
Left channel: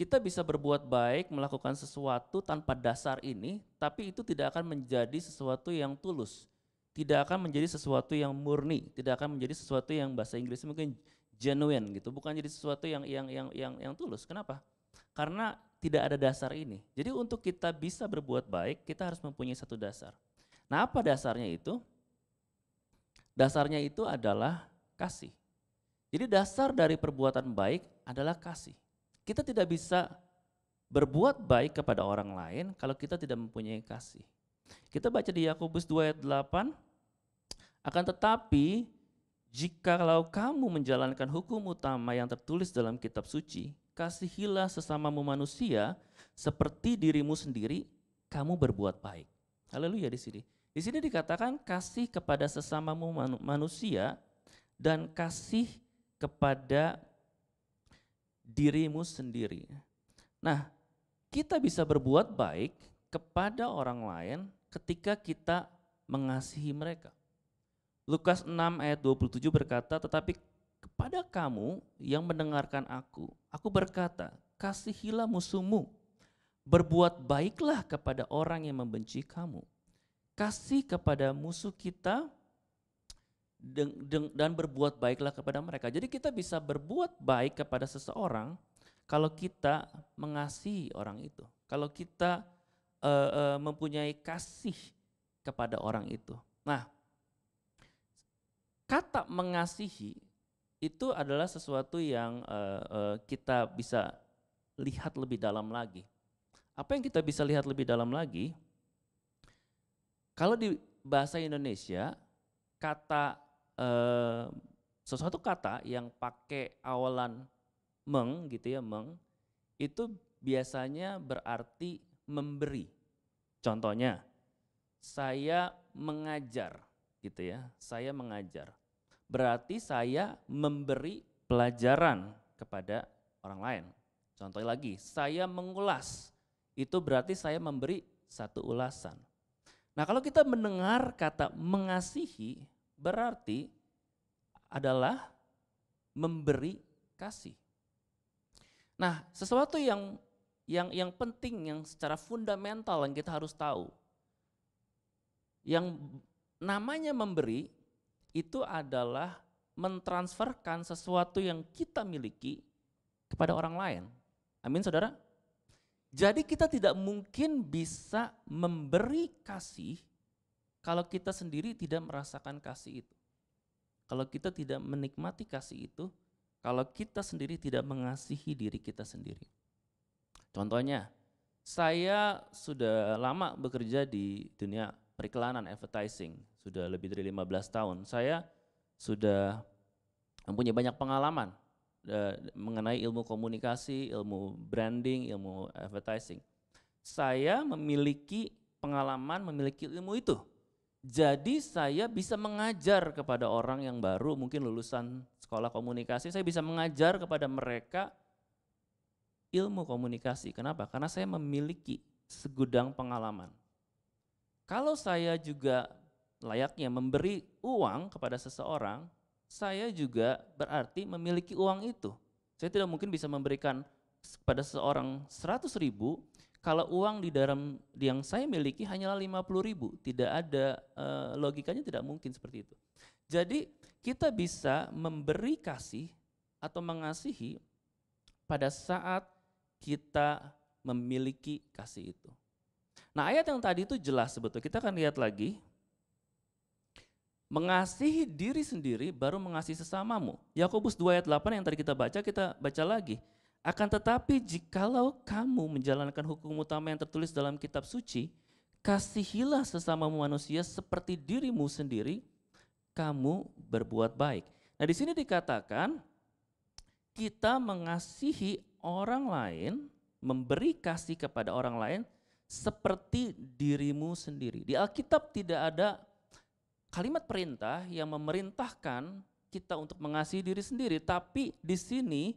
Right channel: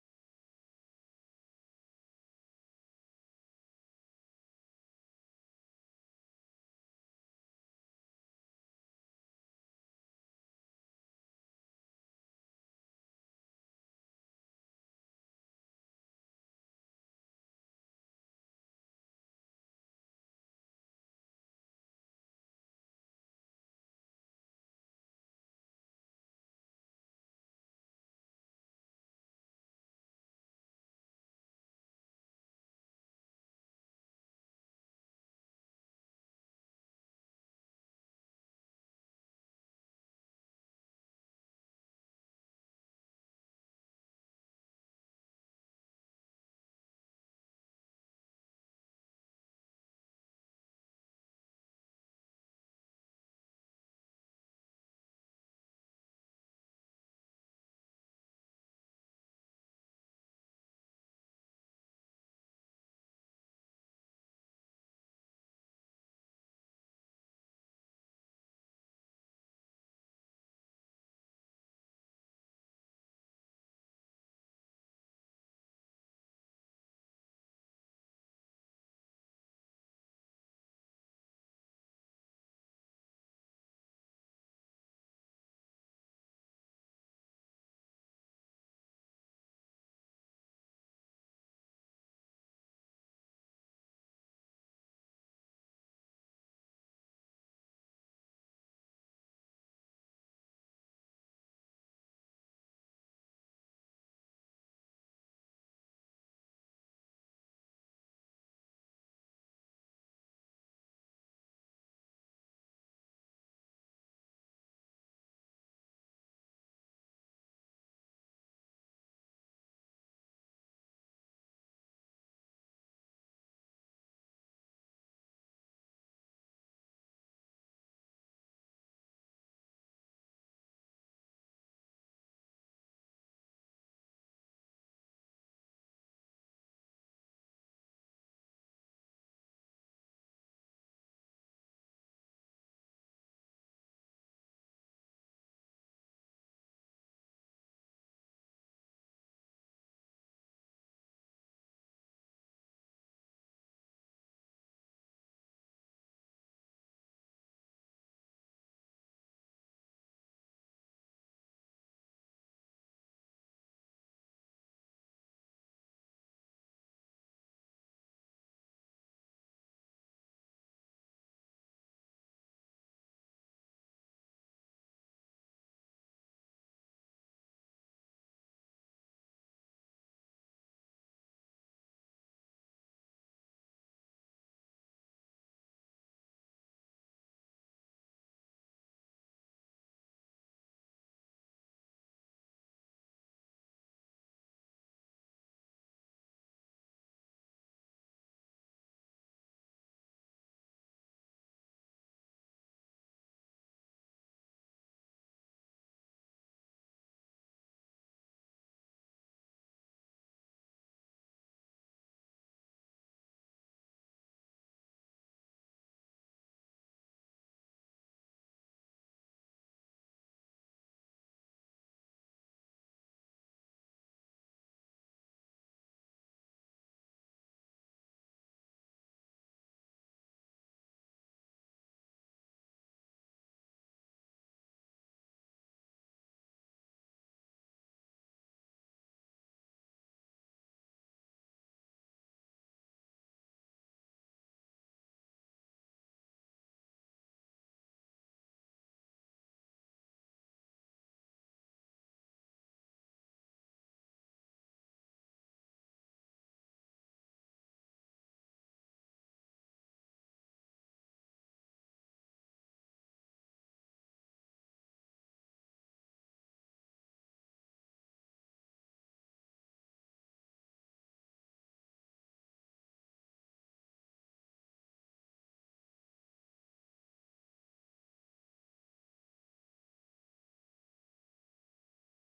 Kita bisa berbuat baik, melakukan sesuatu tanpa dasar ini, tapi itu tidak akan menjadi sesuatu yang tulus. Tidak akan menjadi sesuatu yang murni, tidak akan menjadi sesuatu yang bahasa Inggrisnya mungkin genuine gitu, bukan jadi sesuatu yang tulus. Kenapa? Karena tidak ada dasar ini. Jadi untuk kita bisa berbuat baik, kita harus mempunyai satu dasar. Nah, apa dasarnya itu? Dasarnya itu adalah kasih. Jadi dasar dari perbuatan baik adalah kasih. Kita tidak bisa berbuat baik kepada orang lain kalau kita tidak mempunyai kasih. Kita baca di Yakobus 2 ayat 8, akan tetapi jikalau kamu menjalankan hukum utama yang tertulis dalam kitab suci, kasihilah sesamamu manusia seperti dirimu sendiri, kamu berbuat baik. Haleluya di sini. Di sini dikatakan kasih kepada sesamamu manusia dan kasih kepada dirimu sendiri. Nah, kita bisa berbuat baik kepada orang lain ketika kita mengasihi mereka. Lukas 6 ayat 27 berkata, tetapi kepada kamu yang mendengarkan aku berkata, kasihilah musuhmu, berbuat baiklah kepada orang yang membenci kamu. Kasih kepada musuh kita dan berbuat baiklah kepada mereka. Jadi kita bisa berbuat baik kepada seseorang kalau kita mengasihi orang itu. Kalau kita mempunyai kasih kepada orang itu. Nah, kata mengasihi itu adalah sesuatu yang kita bisa lihat lebih dalam lagi. Apa yang kita bisa lihat lebih dalam lagi? Kalau di bahasa Indonesia, kata sesuatu kata yang pakai awalan meng gitu ya, meng, itu biasanya berarti memberi. Contohnya, saya mengajar gitu ya, saya mengajar. Berarti saya memberi pelajaran kepada orang lain. Contoh lagi, saya mengulas, itu berarti saya memberi satu ulasan. Nah, kalau kita mendengar kata mengasihi, berarti adalah memberi kasih. Nah, sesuatu yang penting, yang secara fundamental yang kita harus tahu, yang namanya memberi itu adalah mentransferkan sesuatu yang kita miliki kepada orang lain. Amin, saudara? Jadi kita tidak mungkin bisa memberi kasih kalau kita sendiri tidak merasakan kasih itu. Kalau kita tidak menikmati kasih itu, kalau kita sendiri tidak mengasihi diri kita sendiri. Contohnya, saya sudah lama bekerja di dunia periklanan, advertising, sudah lebih dari 15 tahun. Saya sudah mempunyai banyak pengalaman mengenai ilmu komunikasi, ilmu branding, ilmu advertising. Saya memiliki pengalaman, memiliki ilmu itu. Jadi saya bisa mengajar kepada orang yang baru, mungkin lulusan sekolah komunikasi, saya bisa mengajar kepada mereka ilmu komunikasi. Kenapa? Karena saya memiliki segudang pengalaman. Kalau saya juga layaknya memberi uang kepada seseorang, saya juga berarti memiliki uang itu. Saya tidak mungkin bisa memberikan kepada seseorang 100.000 kalau uang di dalam yang saya miliki hanyalah 50.000. Tidak ada logikanya, tidak mungkin seperti itu. Jadi kita bisa memberi kasih atau mengasihi pada saat kita memiliki kasih itu. Nah, ayat yang tadi itu jelas sebetulnya. Kita akan lihat lagi. Mengasihi diri sendiri baru mengasihi sesamamu. Yakobus 2 ayat 8 yang tadi kita baca lagi. Akan tetapi jikalau kamu menjalankan hukum utama yang tertulis dalam kitab suci, kasihilah sesamamu manusia seperti dirimu sendiri, kamu berbuat baik. Nah, di sini dikatakan kita mengasihi orang lain, memberi kasih kepada orang lain seperti dirimu sendiri. Di Alkitab tidak ada kalimat perintah yang memerintahkan kita untuk mengasihi diri sendiri, tapi di sini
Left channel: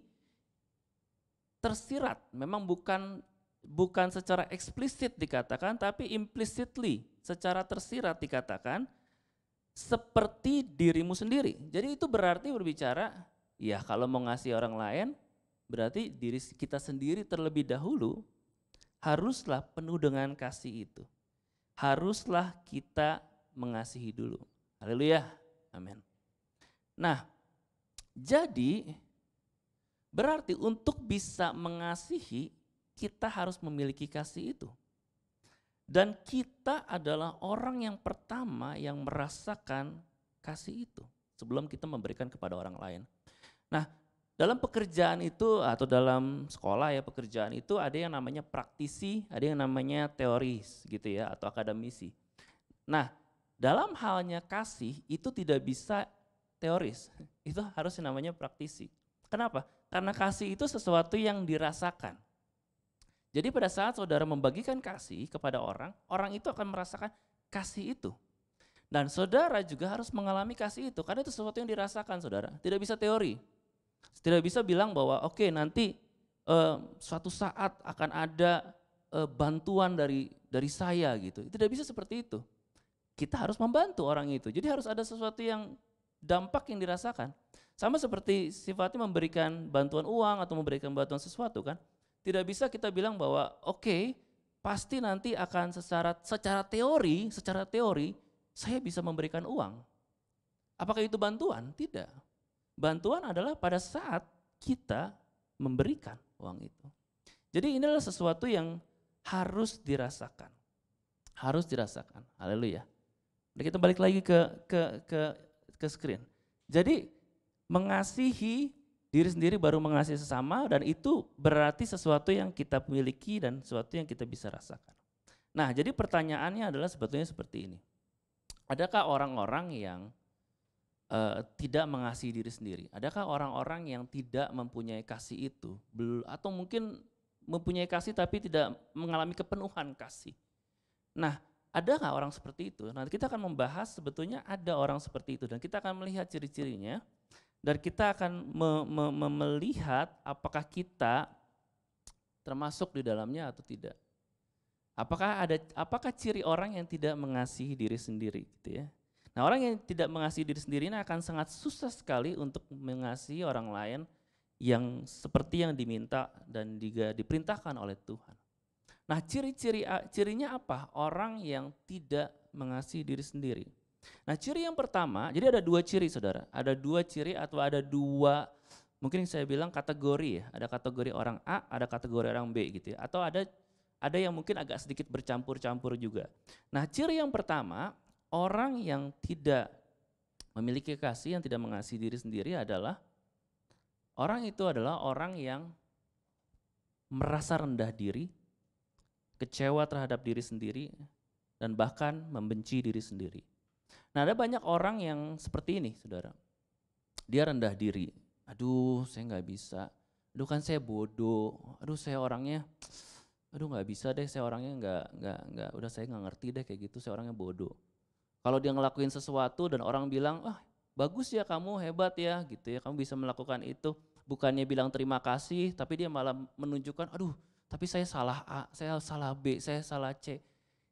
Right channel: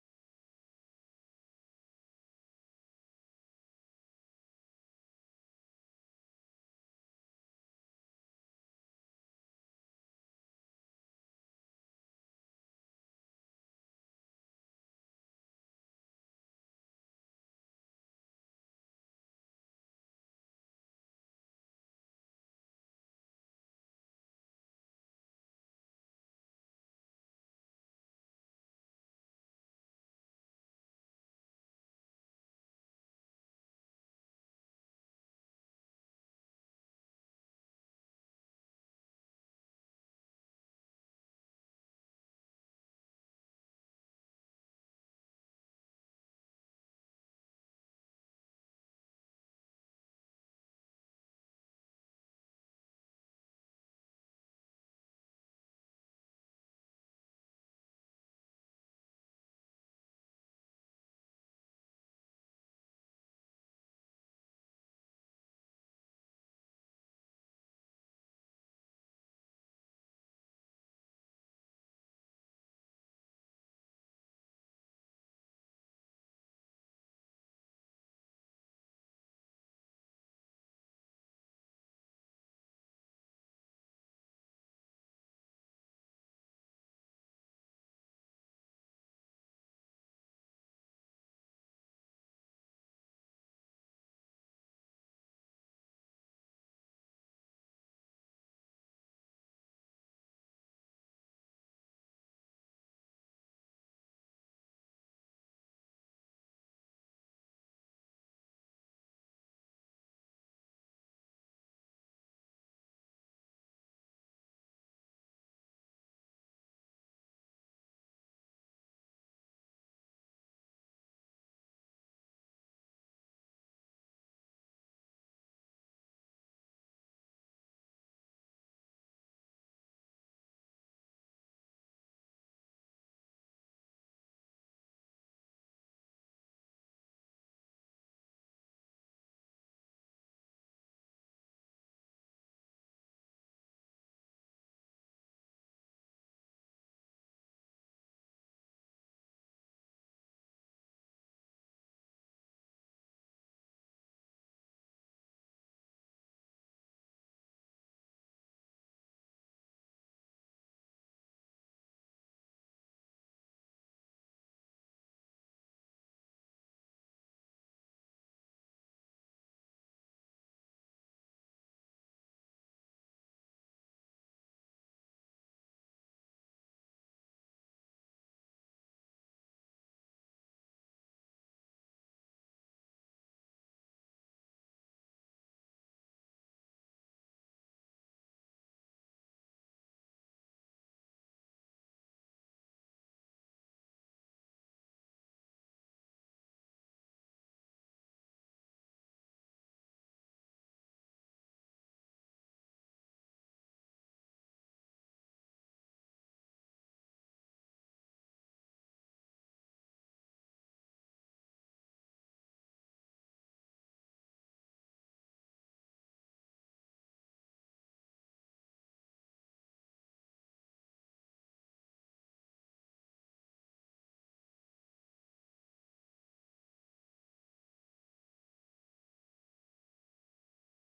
tersirat, memang bukan bukan secara eksplisit dikatakan, tapi implicitly, secara tersirat dikatakan, seperti dirimu sendiri. Jadi itu berarti berbicara, ya kalau mau ngasih orang lain, berarti diri kita sendiri terlebih dahulu haruslah penuh dengan kasih itu. Haruslah kita mengasihi dulu. Haleluya, amin. Nah, jadi berarti untuk bisa mengasihi, kita harus memiliki kasih itu. Dan kita adalah orang yang pertama yang merasakan kasih itu sebelum kita memberikan kepada orang lain. Nah, dalam pekerjaan itu atau dalam sekolah ya pekerjaan itu ada yang namanya praktisi, ada yang namanya teoris gitu ya atau akademisi. Nah, dalam halnya kasih itu tidak bisa teoris, itu harus yang namanya praktisi. Kenapa? Karena kasih itu sesuatu yang dirasakan. Jadi pada saat saudara membagikan kasih kepada orang, orang itu akan merasakan kasih itu. Dan saudara juga harus mengalami kasih itu, karena itu sesuatu yang dirasakan saudara, tidak bisa teori. Tidak bisa bilang bahwa oke, nanti suatu saat akan ada bantuan dari saya gitu. Tidak bisa seperti itu. Kita harus membantu orang itu. Jadi harus ada sesuatu yang dampak yang dirasakan. Sama seperti sifatnya memberikan bantuan uang atau memberikan bantuan sesuatu kan. Tidak bisa kita bilang bahwa oke, pasti nanti akan secara teori saya bisa memberikan uang. Apakah itu bantuan? Tidak. Bantuan adalah pada saat kita memberikan uang itu. Jadi ini adalah sesuatu yang harus dirasakan. Harus dirasakan. Haleluya. Nah, kita balik lagi ke screen. Jadi mengasihi diri sendiri baru mengasihi sesama, dan itu berarti sesuatu yang kita miliki dan sesuatu yang kita bisa rasakan. Nah, jadi pertanyaannya adalah sebetulnya seperti ini. Adakah orang-orang yang tidak mengasihi diri sendiri? Adakah orang-orang yang tidak mempunyai kasih itu? Atau mungkin mempunyai kasih tapi tidak mengalami kepenuhan kasih? Nah, ada nggak orang seperti itu? Nanti kita akan membahas sebetulnya ada orang seperti itu dan kita akan melihat ciri-cirinya. Dan kita akan melihat apakah kita termasuk di dalamnya atau tidak. Apakah ciri orang yang tidak mengasihi diri sendiri gitu ya. Nah, orang yang tidak mengasihi diri sendiri ini akan sangat susah sekali untuk mengasihi orang lain yang seperti yang diminta dan juga diperintahkan oleh Tuhan. Nah, cirinya apa? Orang yang tidak mengasihi diri sendiri. Nah, ciri yang pertama, jadi ada dua ciri saudara, ada dua ciri atau ada dua, mungkin saya bilang kategori ya, ada kategori orang A, ada kategori orang B gitu ya, atau ada yang mungkin agak sedikit bercampur-campur juga. Nah, ciri yang pertama, orang yang tidak memiliki kasih, yang tidak mengasihi diri sendiri adalah, orang itu adalah orang yang merasa rendah diri, kecewa terhadap diri sendiri, dan bahkan membenci diri sendiri. Nah, ada banyak orang yang seperti ini, saudara. Dia rendah diri. Aduh, saya nggak bisa. Aduh, kan saya bodoh. Aduh, saya orangnya, aduh nggak bisa deh. Saya orangnya nggak. Udah saya nggak ngerti deh kayak gitu. Saya orangnya bodoh. Kalau dia ngelakuin sesuatu dan orang bilang, bagus ya kamu, hebat ya, gitu ya. Kamu bisa melakukan itu. Bukannya bilang terima kasih, tapi dia malah menunjukkan, aduh, tapi saya salah A, saya salah B, saya salah C,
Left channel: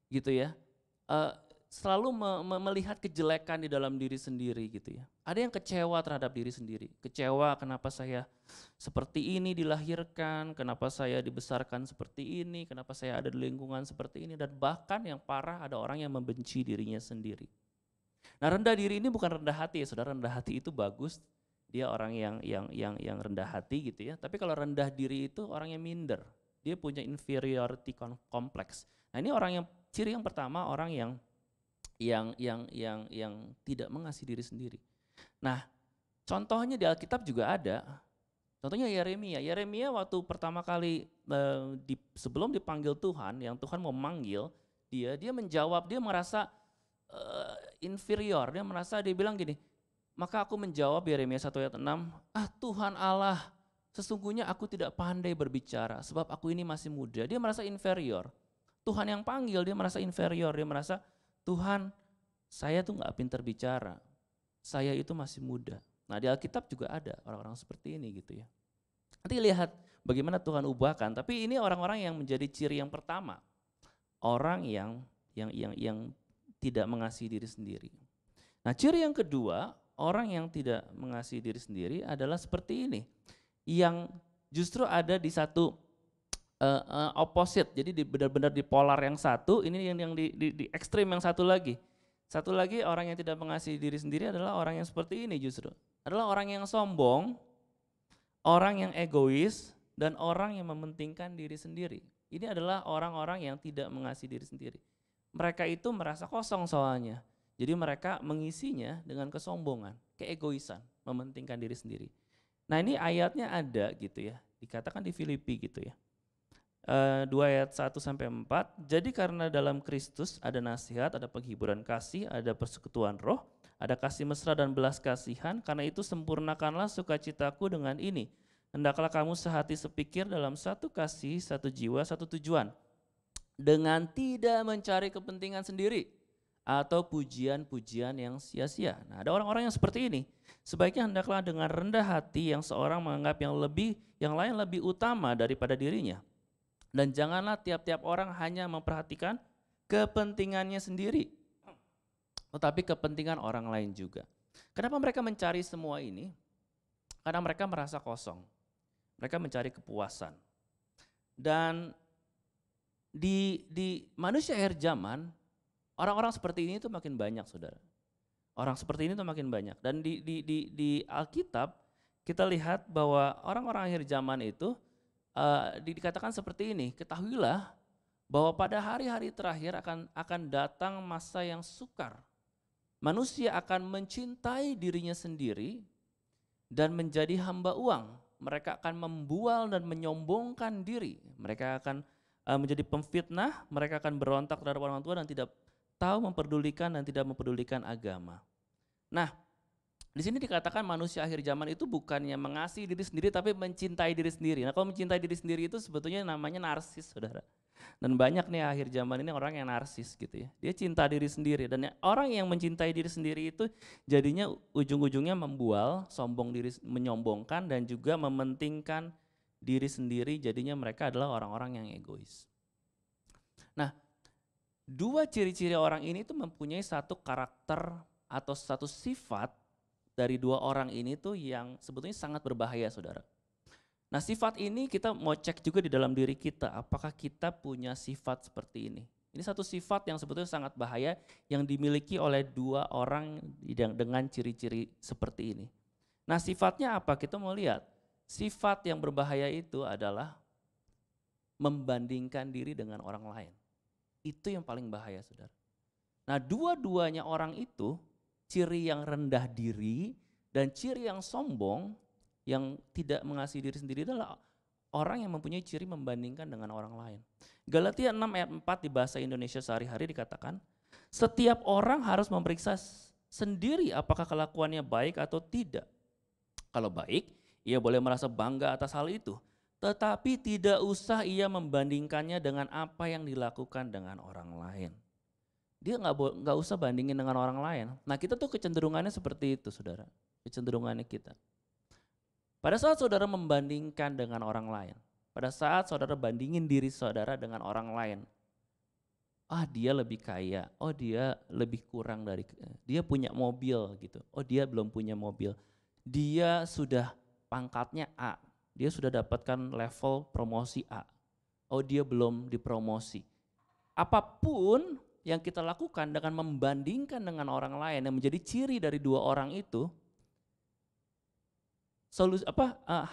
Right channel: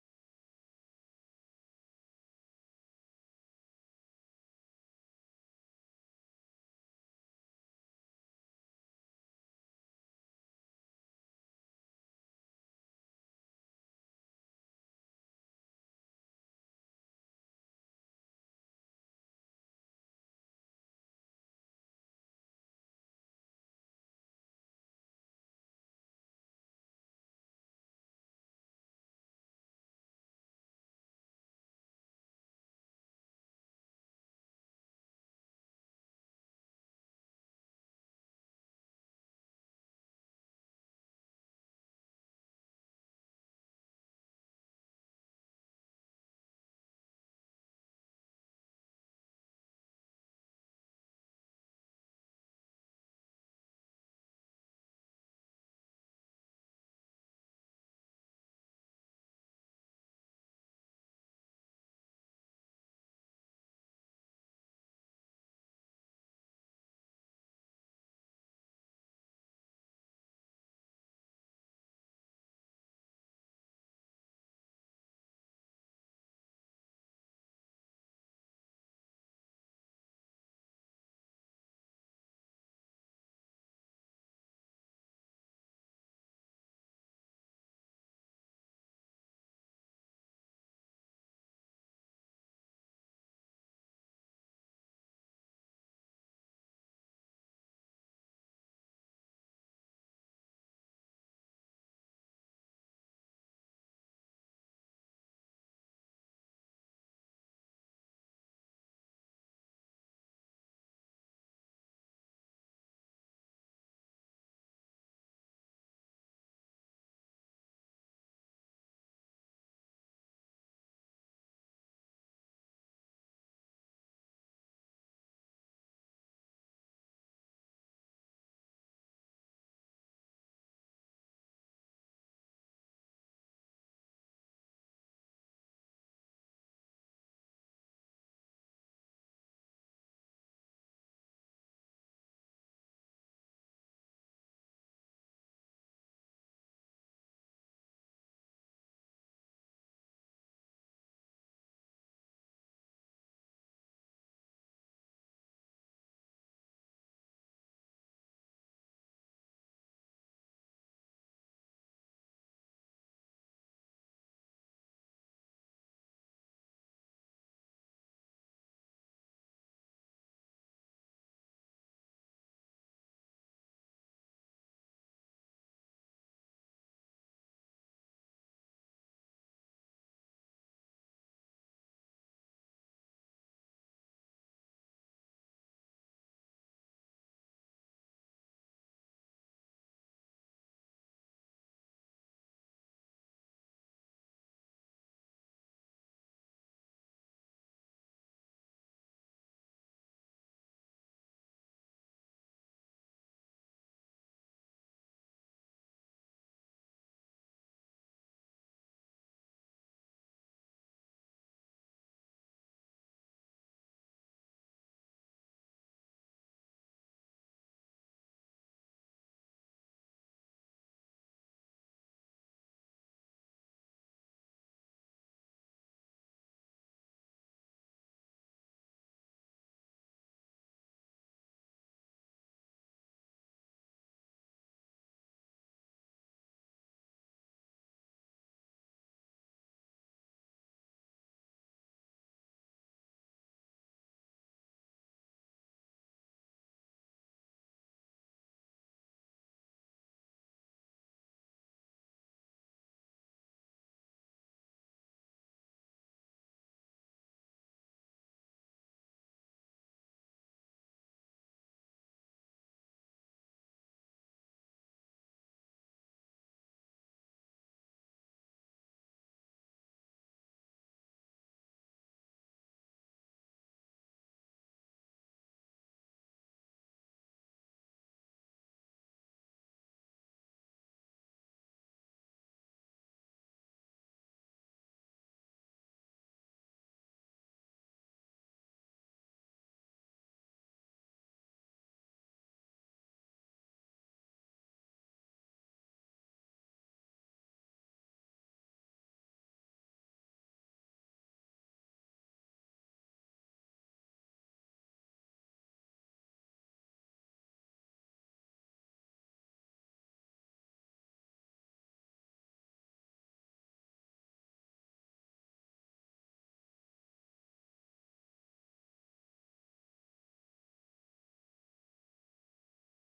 gitu ya. Selalu melihat kejelekan di dalam diri sendiri gitu ya. Ada yang kecewa terhadap diri sendiri. Kecewa kenapa saya seperti ini dilahirkan, kenapa saya dibesarkan seperti ini, kenapa saya ada di lingkungan seperti ini, dan bahkan yang parah ada orang yang membenci dirinya sendiri. Nah, rendah diri ini bukan rendah hati ya saudara, rendah hati itu bagus. Dia orang yang rendah hati gitu ya. Tapi kalau rendah diri itu orang yang minder. Dia punya inferiority complex. Nah, ini orang yang ciri yang pertama, orang yang tidak mengasihi diri sendiri. Nah, contohnya di Alkitab juga ada. Contohnya Yeremia. Yeremia waktu pertama kali sebelum dipanggil Tuhan, yang Tuhan mau manggil dia menjawab, dia merasa inferior, dia bilang gini, maka aku menjawab Yeremia 1 ayat 6, Tuhan Allah, sesungguhnya aku tidak pandai berbicara sebab aku ini masih muda. Dia merasa inferior. Tuhan yang panggil dia merasa inferior, dia merasa Tuhan, saya tuh gak pintar bicara, saya itu masih muda. Nah, di Alkitab juga ada orang-orang seperti ini gitu ya. Nanti lihat bagaimana Tuhan ubahkan. Tapi ini orang-orang yang menjadi ciri yang pertama, orang yang tidak mengasihi diri sendiri. Nah, ciri yang kedua, orang yang tidak mengasihi diri sendiri adalah seperti ini, yang justru ada di satu opposite. Jadi benar-benar di polar yang satu, ini yang di ekstrim yang satu lagi. Satu lagi, orang yang tidak mengasihi diri sendiri adalah orang yang seperti ini justru. Adalah orang yang sombong, orang yang egois, dan orang yang mementingkan diri sendiri. Ini adalah orang-orang yang tidak mengasihi diri sendiri. Mereka itu merasa kosong soalnya. Jadi mereka mengisinya dengan kesombongan, keegoisan, mementingkan diri sendiri. Nah, ini ayatnya ada gitu ya, dikatakan di Filipi gitu ya. 2 ayat 1-4, jadi karena dalam Kristus ada nasihat, ada penghiburan kasih, ada persekutuan roh, ada kasih mesra dan belas kasihan, karena itu sempurnakanlah sukacitaku dengan ini. Hendaklah kamu sehati sepikir dalam satu kasih, satu jiwa, satu tujuan, dengan tidak mencari kepentingan sendiri atau pujian-pujian yang sia-sia. Nah, ada orang-orang yang seperti ini. Sebaiknya hendaklah dengan rendah hati yang seorang menganggap yang lain lebih utama daripada dirinya. Dan janganlah tiap-tiap orang hanya memperhatikan kepentingannya sendiri, tetapi kepentingan orang lain juga. Kenapa mereka mencari semua ini? Karena mereka merasa kosong. Mereka mencari kepuasan. Dan di manusia akhir zaman, orang-orang seperti ini tuh makin banyak, saudara. Orang seperti ini tuh makin banyak. Dan di Alkitab kita lihat bahwa orang-orang akhir zaman itu dikatakan seperti ini, ketahuilah bahwa pada hari-hari terakhir akan datang masa yang sukar. Manusia akan mencintai dirinya sendiri dan menjadi hamba uang. Mereka akan membual dan menyombongkan diri. Mereka akan menjadi pemfitnah, mereka akan berontak terhadap orang tua dan tidak tahu memperdulikan dan tidak memperdulikan agama. Nah, di sini dikatakan manusia akhir zaman itu bukannya mengasihi diri sendiri tapi mencintai diri sendiri. Nah, kalau mencintai diri sendiri itu sebetulnya namanya narsis, saudara. Dan banyak nih akhir zaman ini orang yang narsis gitu ya. Dia cinta diri sendiri dan orang yang mencintai diri sendiri itu jadinya ujung-ujungnya membual, sombong diri, menyombongkan dan juga mementingkan diri sendiri, jadinya mereka adalah orang-orang yang egois. Nah, dua ciri-ciri orang ini tuh mempunyai satu karakter atau satu sifat dari dua orang ini tuh yang sebetulnya sangat berbahaya, saudara. Nah, sifat ini kita mau cek juga di dalam diri kita, apakah kita punya sifat seperti ini. Ini satu sifat yang sebetulnya sangat bahaya yang dimiliki oleh dua orang yang dengan ciri-ciri seperti ini. Nah, sifatnya apa? Kita mau lihat. Sifat yang berbahaya itu adalah membandingkan diri dengan orang lain. Itu yang paling bahaya, saudara. Nah, dua-duanya orang itu, ciri yang rendah diri dan ciri yang sombong, yang tidak mengasihi diri sendiri adalah orang yang mempunyai ciri membandingkan dengan orang lain. Galatia 6 ayat 4 di bahasa Indonesia sehari-hari dikatakan, setiap orang harus memeriksa sendiri apakah kelakuannya baik atau tidak. Kalau baik, ia boleh merasa bangga atas hal itu. Tetapi tidak usah ia membandingkannya dengan apa yang dilakukan dengan orang lain. Dia nggak usah bandingin dengan orang lain. Nah, kita tuh kecenderungannya seperti itu, saudara. Kecenderungannya kita. Pada saat saudara membandingkan dengan orang lain, pada saat saudara bandingin diri saudara dengan orang lain, dia lebih kaya, dia lebih kurang dari, dia punya mobil gitu, dia belum punya mobil, dia sudah pangkatnya A, dia sudah dapatkan level promosi A, dia belum dipromosi. Apapun yang kita lakukan dengan membandingkan dengan orang lain yang menjadi ciri dari dua orang itu,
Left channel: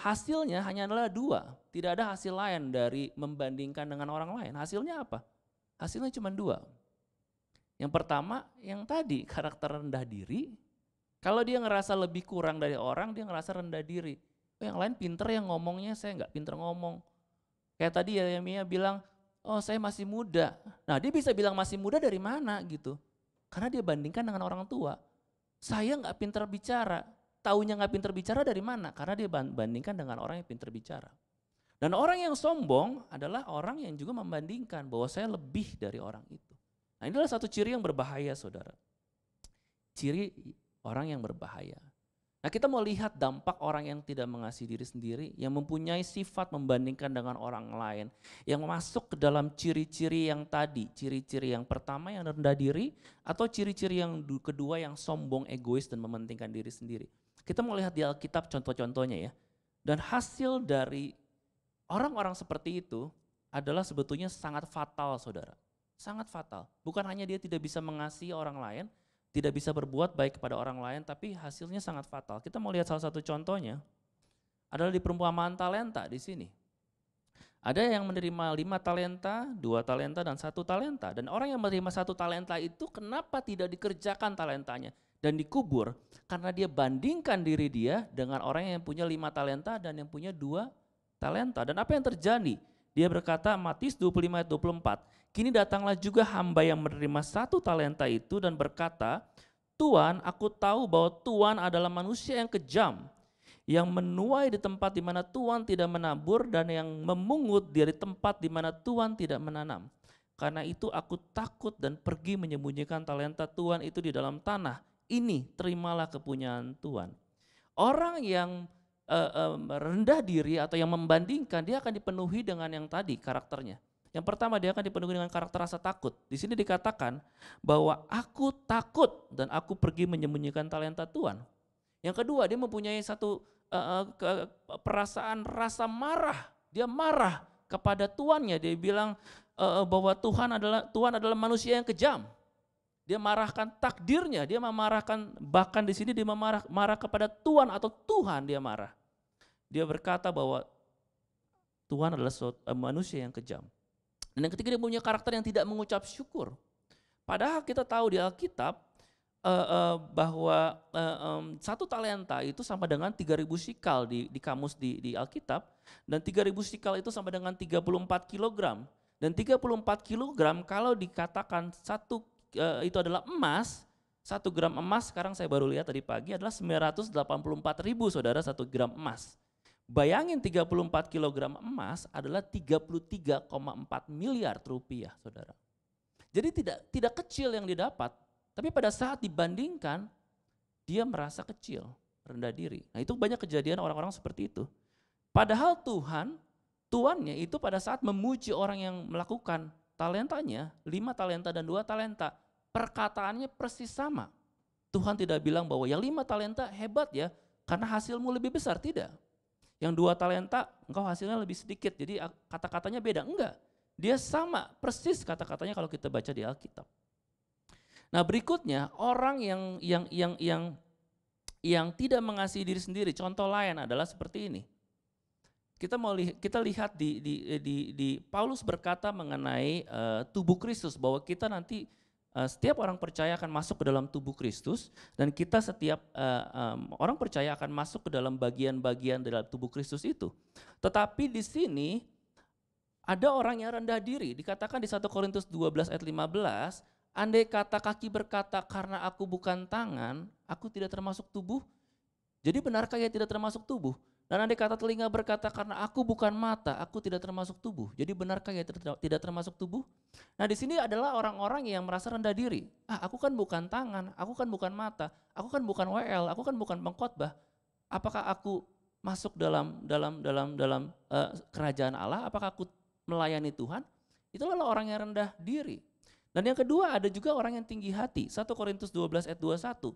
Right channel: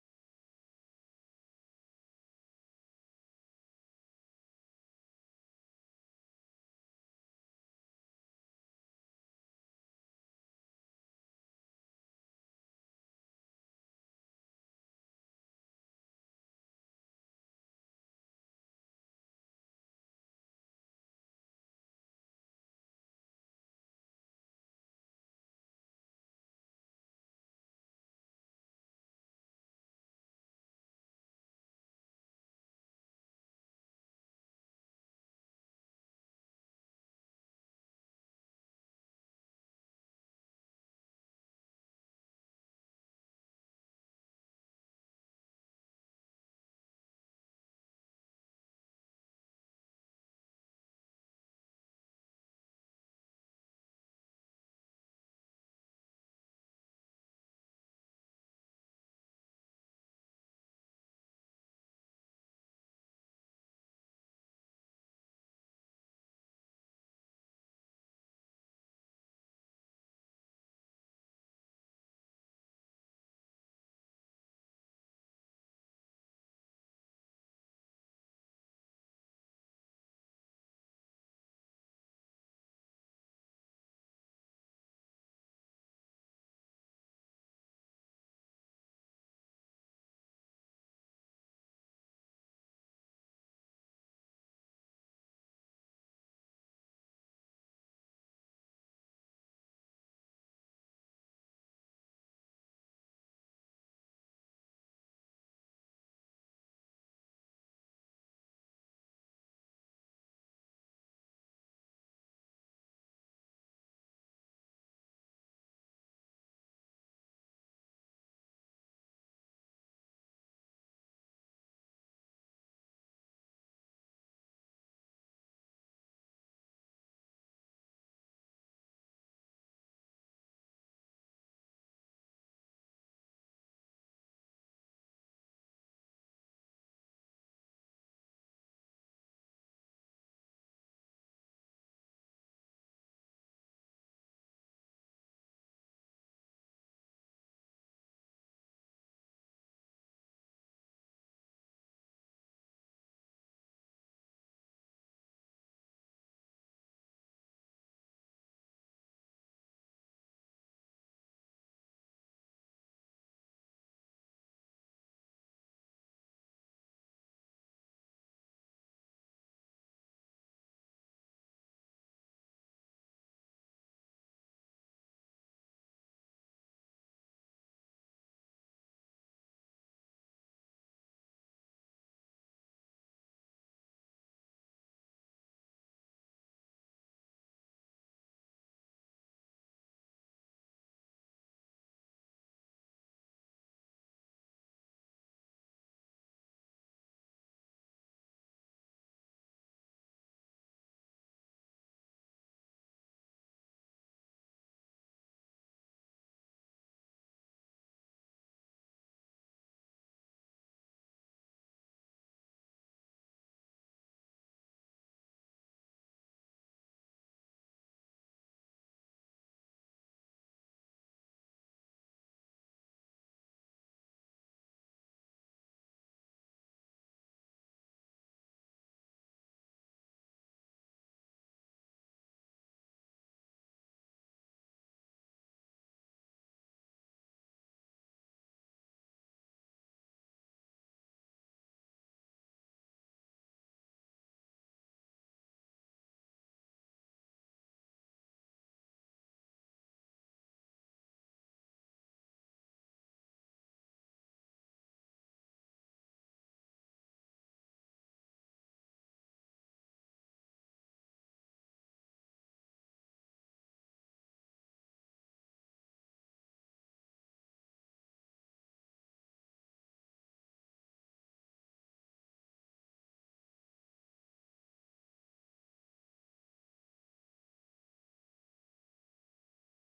hasilnya hanya adalah dua, tidak ada hasil lain dari membandingkan dengan orang lain. Hasilnya apa? Hasilnya cuma dua. Yang pertama, yang tadi karakter rendah diri. Kalau dia ngerasa lebih kurang dari orang, dia ngerasa rendah diri. Yang lain pinter yang ngomongnya, saya nggak pinter ngomong. Kayak tadi Yeremia bilang, saya masih muda. Nah, dia bisa bilang masih muda dari mana gitu? Karena dia bandingkan dengan orang tua. Saya nggak pinter bicara. Taunya nggak pinter bicara dari mana? Karena dia bandingkan dengan orang yang pinter bicara. Dan orang yang sombong adalah orang yang juga membandingkan bahwa saya lebih dari orang itu. Nah, ini adalah satu ciri yang berbahaya, saudara. Ciri orang yang berbahaya. Nah, Nah, kita mau lihat dampak orang yang tidak mengasihi diri sendiri, yang mempunyai sifat membandingkan dengan orang lain, yang masuk ke dalam ciri-ciri yang tadi, ciri-ciri yang pertama yang rendah diri, atau ciri-ciri yang kedua yang sombong, egois, dan mementingkan diri sendiri. Kita mau lihat di Alkitab contoh-contohnya ya. Dan hasil dari orang-orang seperti itu adalah sebetulnya sangat fatal, saudara. Sangat fatal. Bukan hanya dia tidak bisa mengasihi orang lain, tidak bisa berbuat baik kepada orang lain, tapi hasilnya sangat fatal. Kita mau lihat salah satu contohnya adalah di perumpamaan talenta di sini. Ada yang menerima 5 talenta, 2 talenta, dan 1 talenta. Dan orang yang menerima 1 talenta itu kenapa tidak dikerjakan talentanya dan dikubur? Karena dia bandingkan diri dia dengan orang yang punya 5 talenta dan yang punya 2 talenta. Dan apa yang terjadi? Dia berkata, Matius 25 ayat 24, kini datanglah juga hamba yang menerima 1 talenta itu dan berkata, Tuan, aku tahu bahwa Tuan adalah manusia yang kejam, yang menuai di tempat di mana Tuan tidak menabur dan yang memungut dari tempat di mana Tuan tidak menanam. Karena itu aku takut dan pergi menyembunyikan talenta Tuan itu di dalam tanah. Ini terimalah kepunyaan Tuan. Orang yang rendah diri atau yang membandingkan, dia akan dipenuhi dengan yang tadi karakternya. Yang pertama, dia akan dipenuhi dengan karakter rasa takut. Di sini dikatakan bahwa aku takut dan aku pergi menyembunyikan talenta Tuhan. Yang kedua, dia mempunyai satu perasaan rasa marah. Dia marah kepada tuannya. Dia bilang bahwa Tuhan adalah manusia yang kejam. Dia marahkan takdirnya, dia memarahkan, bahkan di sini dia marah kepada Tuhan atau Tuhan dia marah. Dia berkata bahwa Tuhan adalah manusia yang kejam. Dan yang ketiga, dia punya karakter yang tidak mengucap syukur. Padahal kita tahu di Alkitab bahwa 1 talenta itu sama dengan 3.000 sikal di kamus di Alkitab. Dan 3.000 sikal itu sama dengan 34 kilogram. Dan 34 kilogram kalau dikatakan itu adalah emas, 1 gram emas sekarang saya baru lihat tadi pagi adalah 984.000 saudara 1 gram emas. Bayangin 34 kilogram emas adalah 33,4 miliar rupiah saudara. Jadi tidak kecil yang didapat, tapi pada saat dibandingkan dia merasa kecil, rendah diri. Nah itu banyak kejadian orang-orang seperti itu. Padahal tuannya itu pada saat memuji orang yang melakukan talentanya, 5 talenta dan 2 talenta, perkataannya persis sama. Tuhan tidak bilang bahwa yang 5 talenta hebat ya, karena hasilmu lebih besar, tidak. Yang 2 talenta, engkau hasilnya lebih sedikit, jadi kata-katanya beda, enggak. Dia sama, persis kata-katanya kalau kita baca di Alkitab. Nah berikutnya, orang yang tidak mengasihi diri sendiri, contoh lain adalah seperti ini. Kita lihat di Paulus berkata mengenai tubuh Kristus, bahwa kita nanti setiap orang percaya akan masuk ke dalam tubuh Kristus, dan kita setiap orang percaya akan masuk ke dalam bagian-bagian dalam tubuh Kristus itu. Tetapi di sini ada orang yang rendah diri, dikatakan di 1 Korintus 12 ayat 15, andai kata kaki berkata karena aku bukan tangan, aku tidak termasuk tubuh, jadi benarkah ia tidak termasuk tubuh? Dan andai kata telinga berkata karena aku bukan mata, aku tidak termasuk tubuh. Jadi benarkah ia tidak termasuk tubuh? Nah di sini adalah orang-orang yang merasa rendah diri. Aku kan bukan tangan, aku kan bukan mata, aku kan bukan WL, aku kan bukan pengkhotbah. Apakah aku masuk dalam kerajaan Allah? Apakah aku melayani Tuhan? Itulah orang yang rendah diri. Dan yang kedua ada juga orang yang tinggi hati. 1 Korintus 12 ayat 21.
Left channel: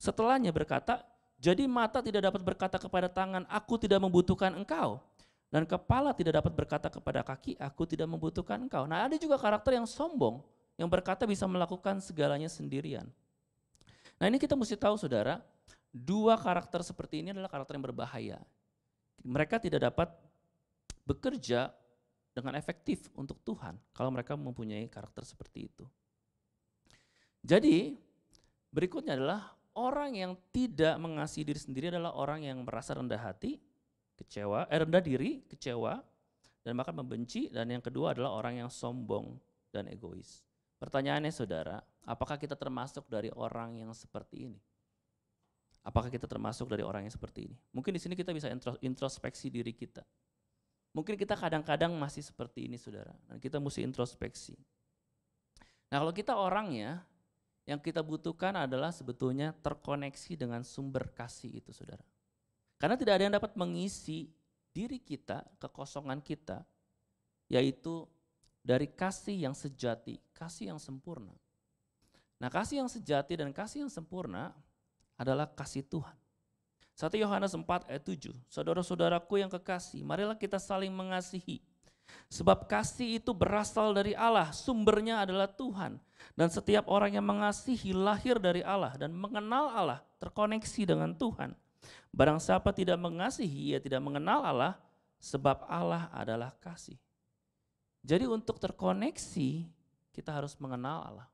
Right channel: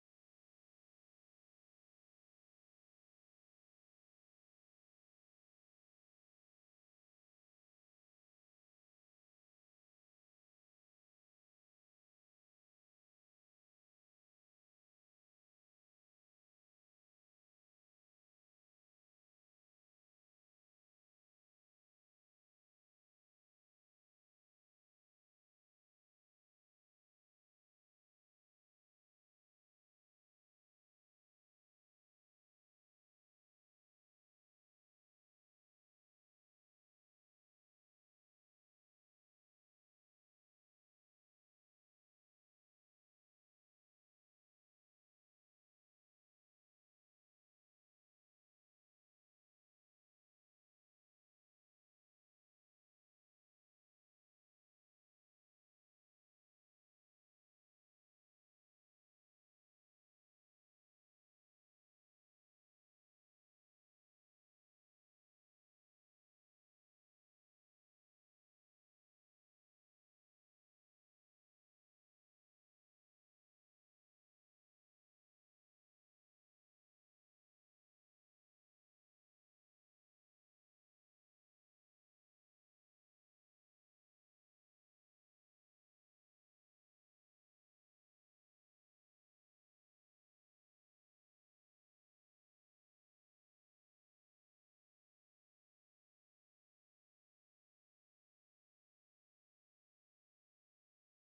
Setelahnya berkata, jadi mata tidak dapat berkata kepada tangan, aku tidak membutuhkan engkau. Dan kepala tidak dapat berkata kepada kaki, aku tidak membutuhkan engkau. Nah ada juga karakter yang sombong, yang berkata bisa melakukan segalanya sendirian. Nah ini kita mesti tahu saudara, 2 karakter seperti ini adalah karakter yang berbahaya. Mereka tidak dapat bekerja dengan efektif untuk Tuhan kalau mereka mempunyai karakter seperti itu. Jadi berikutnya adalah orang yang tidak mengasihi diri sendiri adalah orang yang merasa rendah hati, rendah diri, kecewa, dan bahkan membenci. Dan yang kedua adalah orang yang sombong dan egois. Pertanyaannya saudara, apakah kita termasuk dari orang yang seperti ini? Apakah kita termasuk dari orang yang seperti ini? Mungkin di sini kita bisa introspeksi diri kita. Mungkin kita kadang-kadang masih seperti ini saudara, dan kita mesti introspeksi. Nah kalau kita orangnya Yang kita butuhkan adalah sebetulnya terkoneksi dengan sumber kasih itu, saudara. Karena tidak ada yang dapat mengisi diri kita, kekosongan kita, yaitu dari kasih yang sejati, kasih yang sempurna. Nah, kasih yang sejati dan kasih yang sempurna adalah kasih Tuhan. 1 Yohanes 4 ayat 7, saudara-saudaraku yang kekasih, marilah kita saling mengasihi. Sebab kasih itu berasal dari Allah, sumbernya adalah Tuhan. Dan setiap orang yang mengasihi lahir dari Allah dan mengenal Allah, terkoneksi dengan Tuhan. Barang siapa tidak mengasihi, ia tidak mengenal Allah, sebab Allah adalah kasih. Jadi untuk terkoneksi, kita harus mengenal Allah.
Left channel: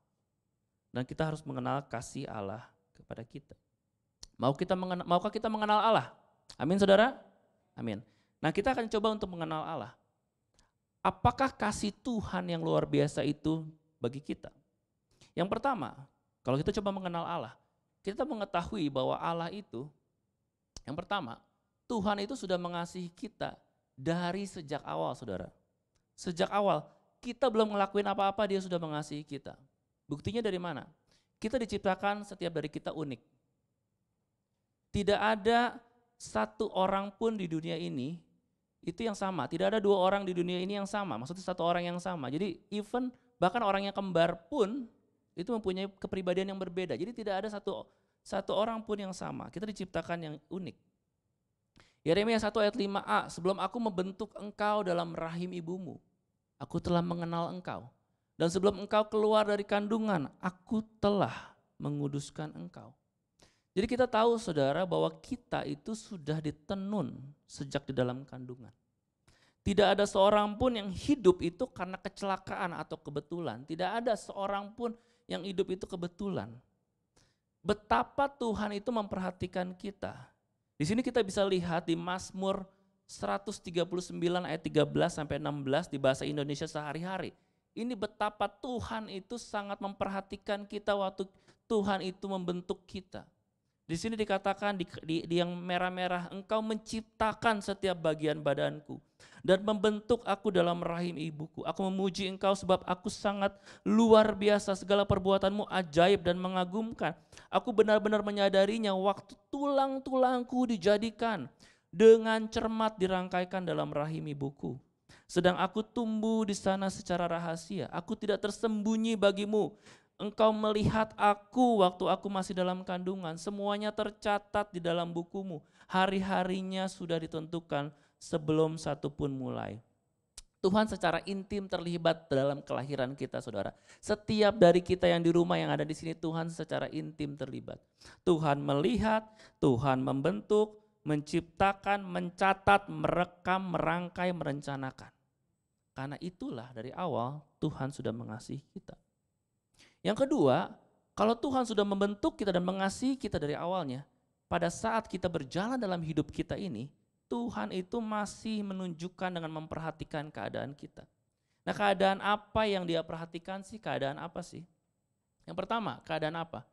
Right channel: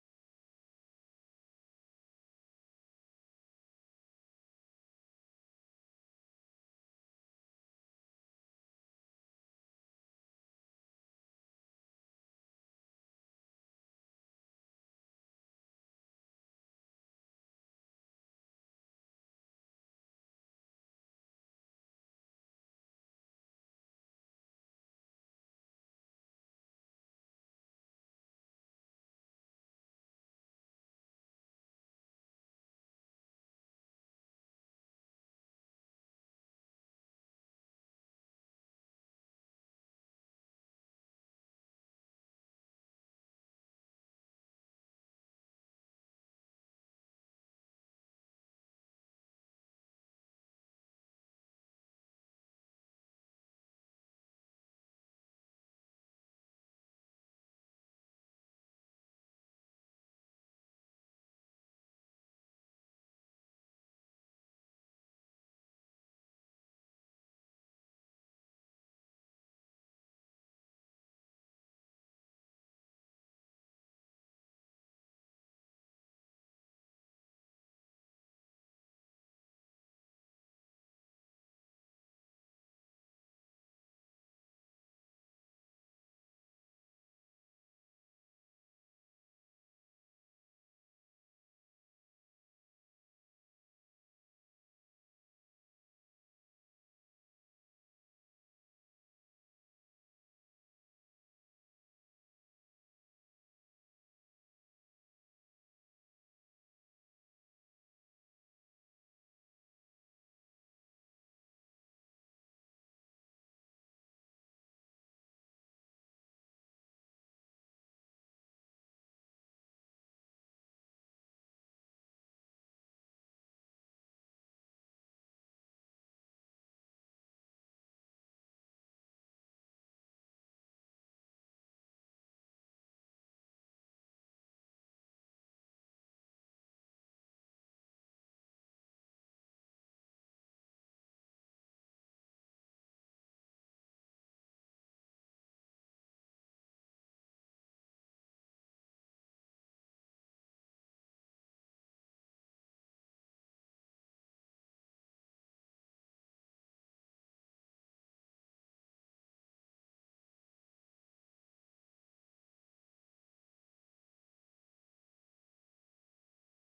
Dan kita harus mengenal kasih Allah kepada kita. Maukah kita mengenal Allah? Amin, saudara? Amin. Nah, kita akan coba untuk mengenal Allah. Apakah kasih Tuhan yang luar biasa itu bagi kita? Yang pertama, kalau kita coba mengenal Allah, kita mengetahui bahwa Allah itu, yang pertama, Tuhan itu sudah mengasihi kita dari sejak awal, saudara. Sejak awal, kita belum ngelakuin apa-apa, dia sudah mengasihi kita. Buktinya dari mana? Kita diciptakan setiap dari kita unik. Tidak ada satu orang pun di dunia ini itu yang sama. Tidak ada dua orang di dunia ini yang sama. Maksudnya satu orang yang sama. Jadi even bahkan orang yang kembar pun itu mempunyai kepribadian yang berbeda. Jadi tidak ada satu orang pun yang sama. Kita diciptakan yang unik. Yeremia 1 ayat 5a, sebelum aku membentuk engkau dalam rahim ibumu, aku telah mengenal engkau. Dan sebelum engkau keluar dari kandungan, aku telah menguduskan engkau. Jadi kita tahu, saudara, bahwa kita itu sudah ditenun sejak di dalam kandungan. Tidak ada seorang pun yang hidup itu karena kecelakaan atau kebetulan. Tidak ada seorang pun yang hidup itu kebetulan. Betapa Tuhan itu memperhatikan kita. Di sini kita bisa lihat di Mazmur 139 ayat 13 sampai 16 di bahasa Indonesia sehari-hari. Ini betapa Tuhan itu sangat memperhatikan kita waktu Tuhan itu membentuk kita. Di sini dikatakan di yang merah-merah, engkau menciptakan setiap bagian badanku dan membentuk aku dalam rahim ibuku. Aku memuji engkau sebab aku sangat luar biasa, segala perbuatanmu ajaib dan mengagumkan. Aku benar-benar menyadarinya waktu tulang-tulangku dijadikan, dengan cermat dirangkaikan dalam rahim ibuku. Sedang aku tumbuh di sana secara rahasia, aku tidak tersembunyi bagimu. Engkau melihat aku waktu aku masih dalam kandungan, semuanya tercatat di dalam bukumu. Hari-harinya sudah ditentukan sebelum satu pun mulai. Tuhan secara intim terlibat dalam kelahiran kita, saudara. Setiap dari kita yang di rumah yang ada di sini, Tuhan secara intim terlibat. Tuhan melihat, Tuhan membentuk, menciptakan, mencatat, merekam, merangkai, merencanakan. Karena itulah dari awal Tuhan sudah mengasihi kita. Yang kedua, kalau Tuhan sudah membentuk kita dan mengasihi kita dari awalnya, pada saat kita berjalan dalam hidup kita ini, Tuhan itu masih menunjukkan dengan memperhatikan keadaan kita. Nah, keadaan apa yang Dia perhatikan sih? Keadaan apa sih? Yang pertama, keadaan apa?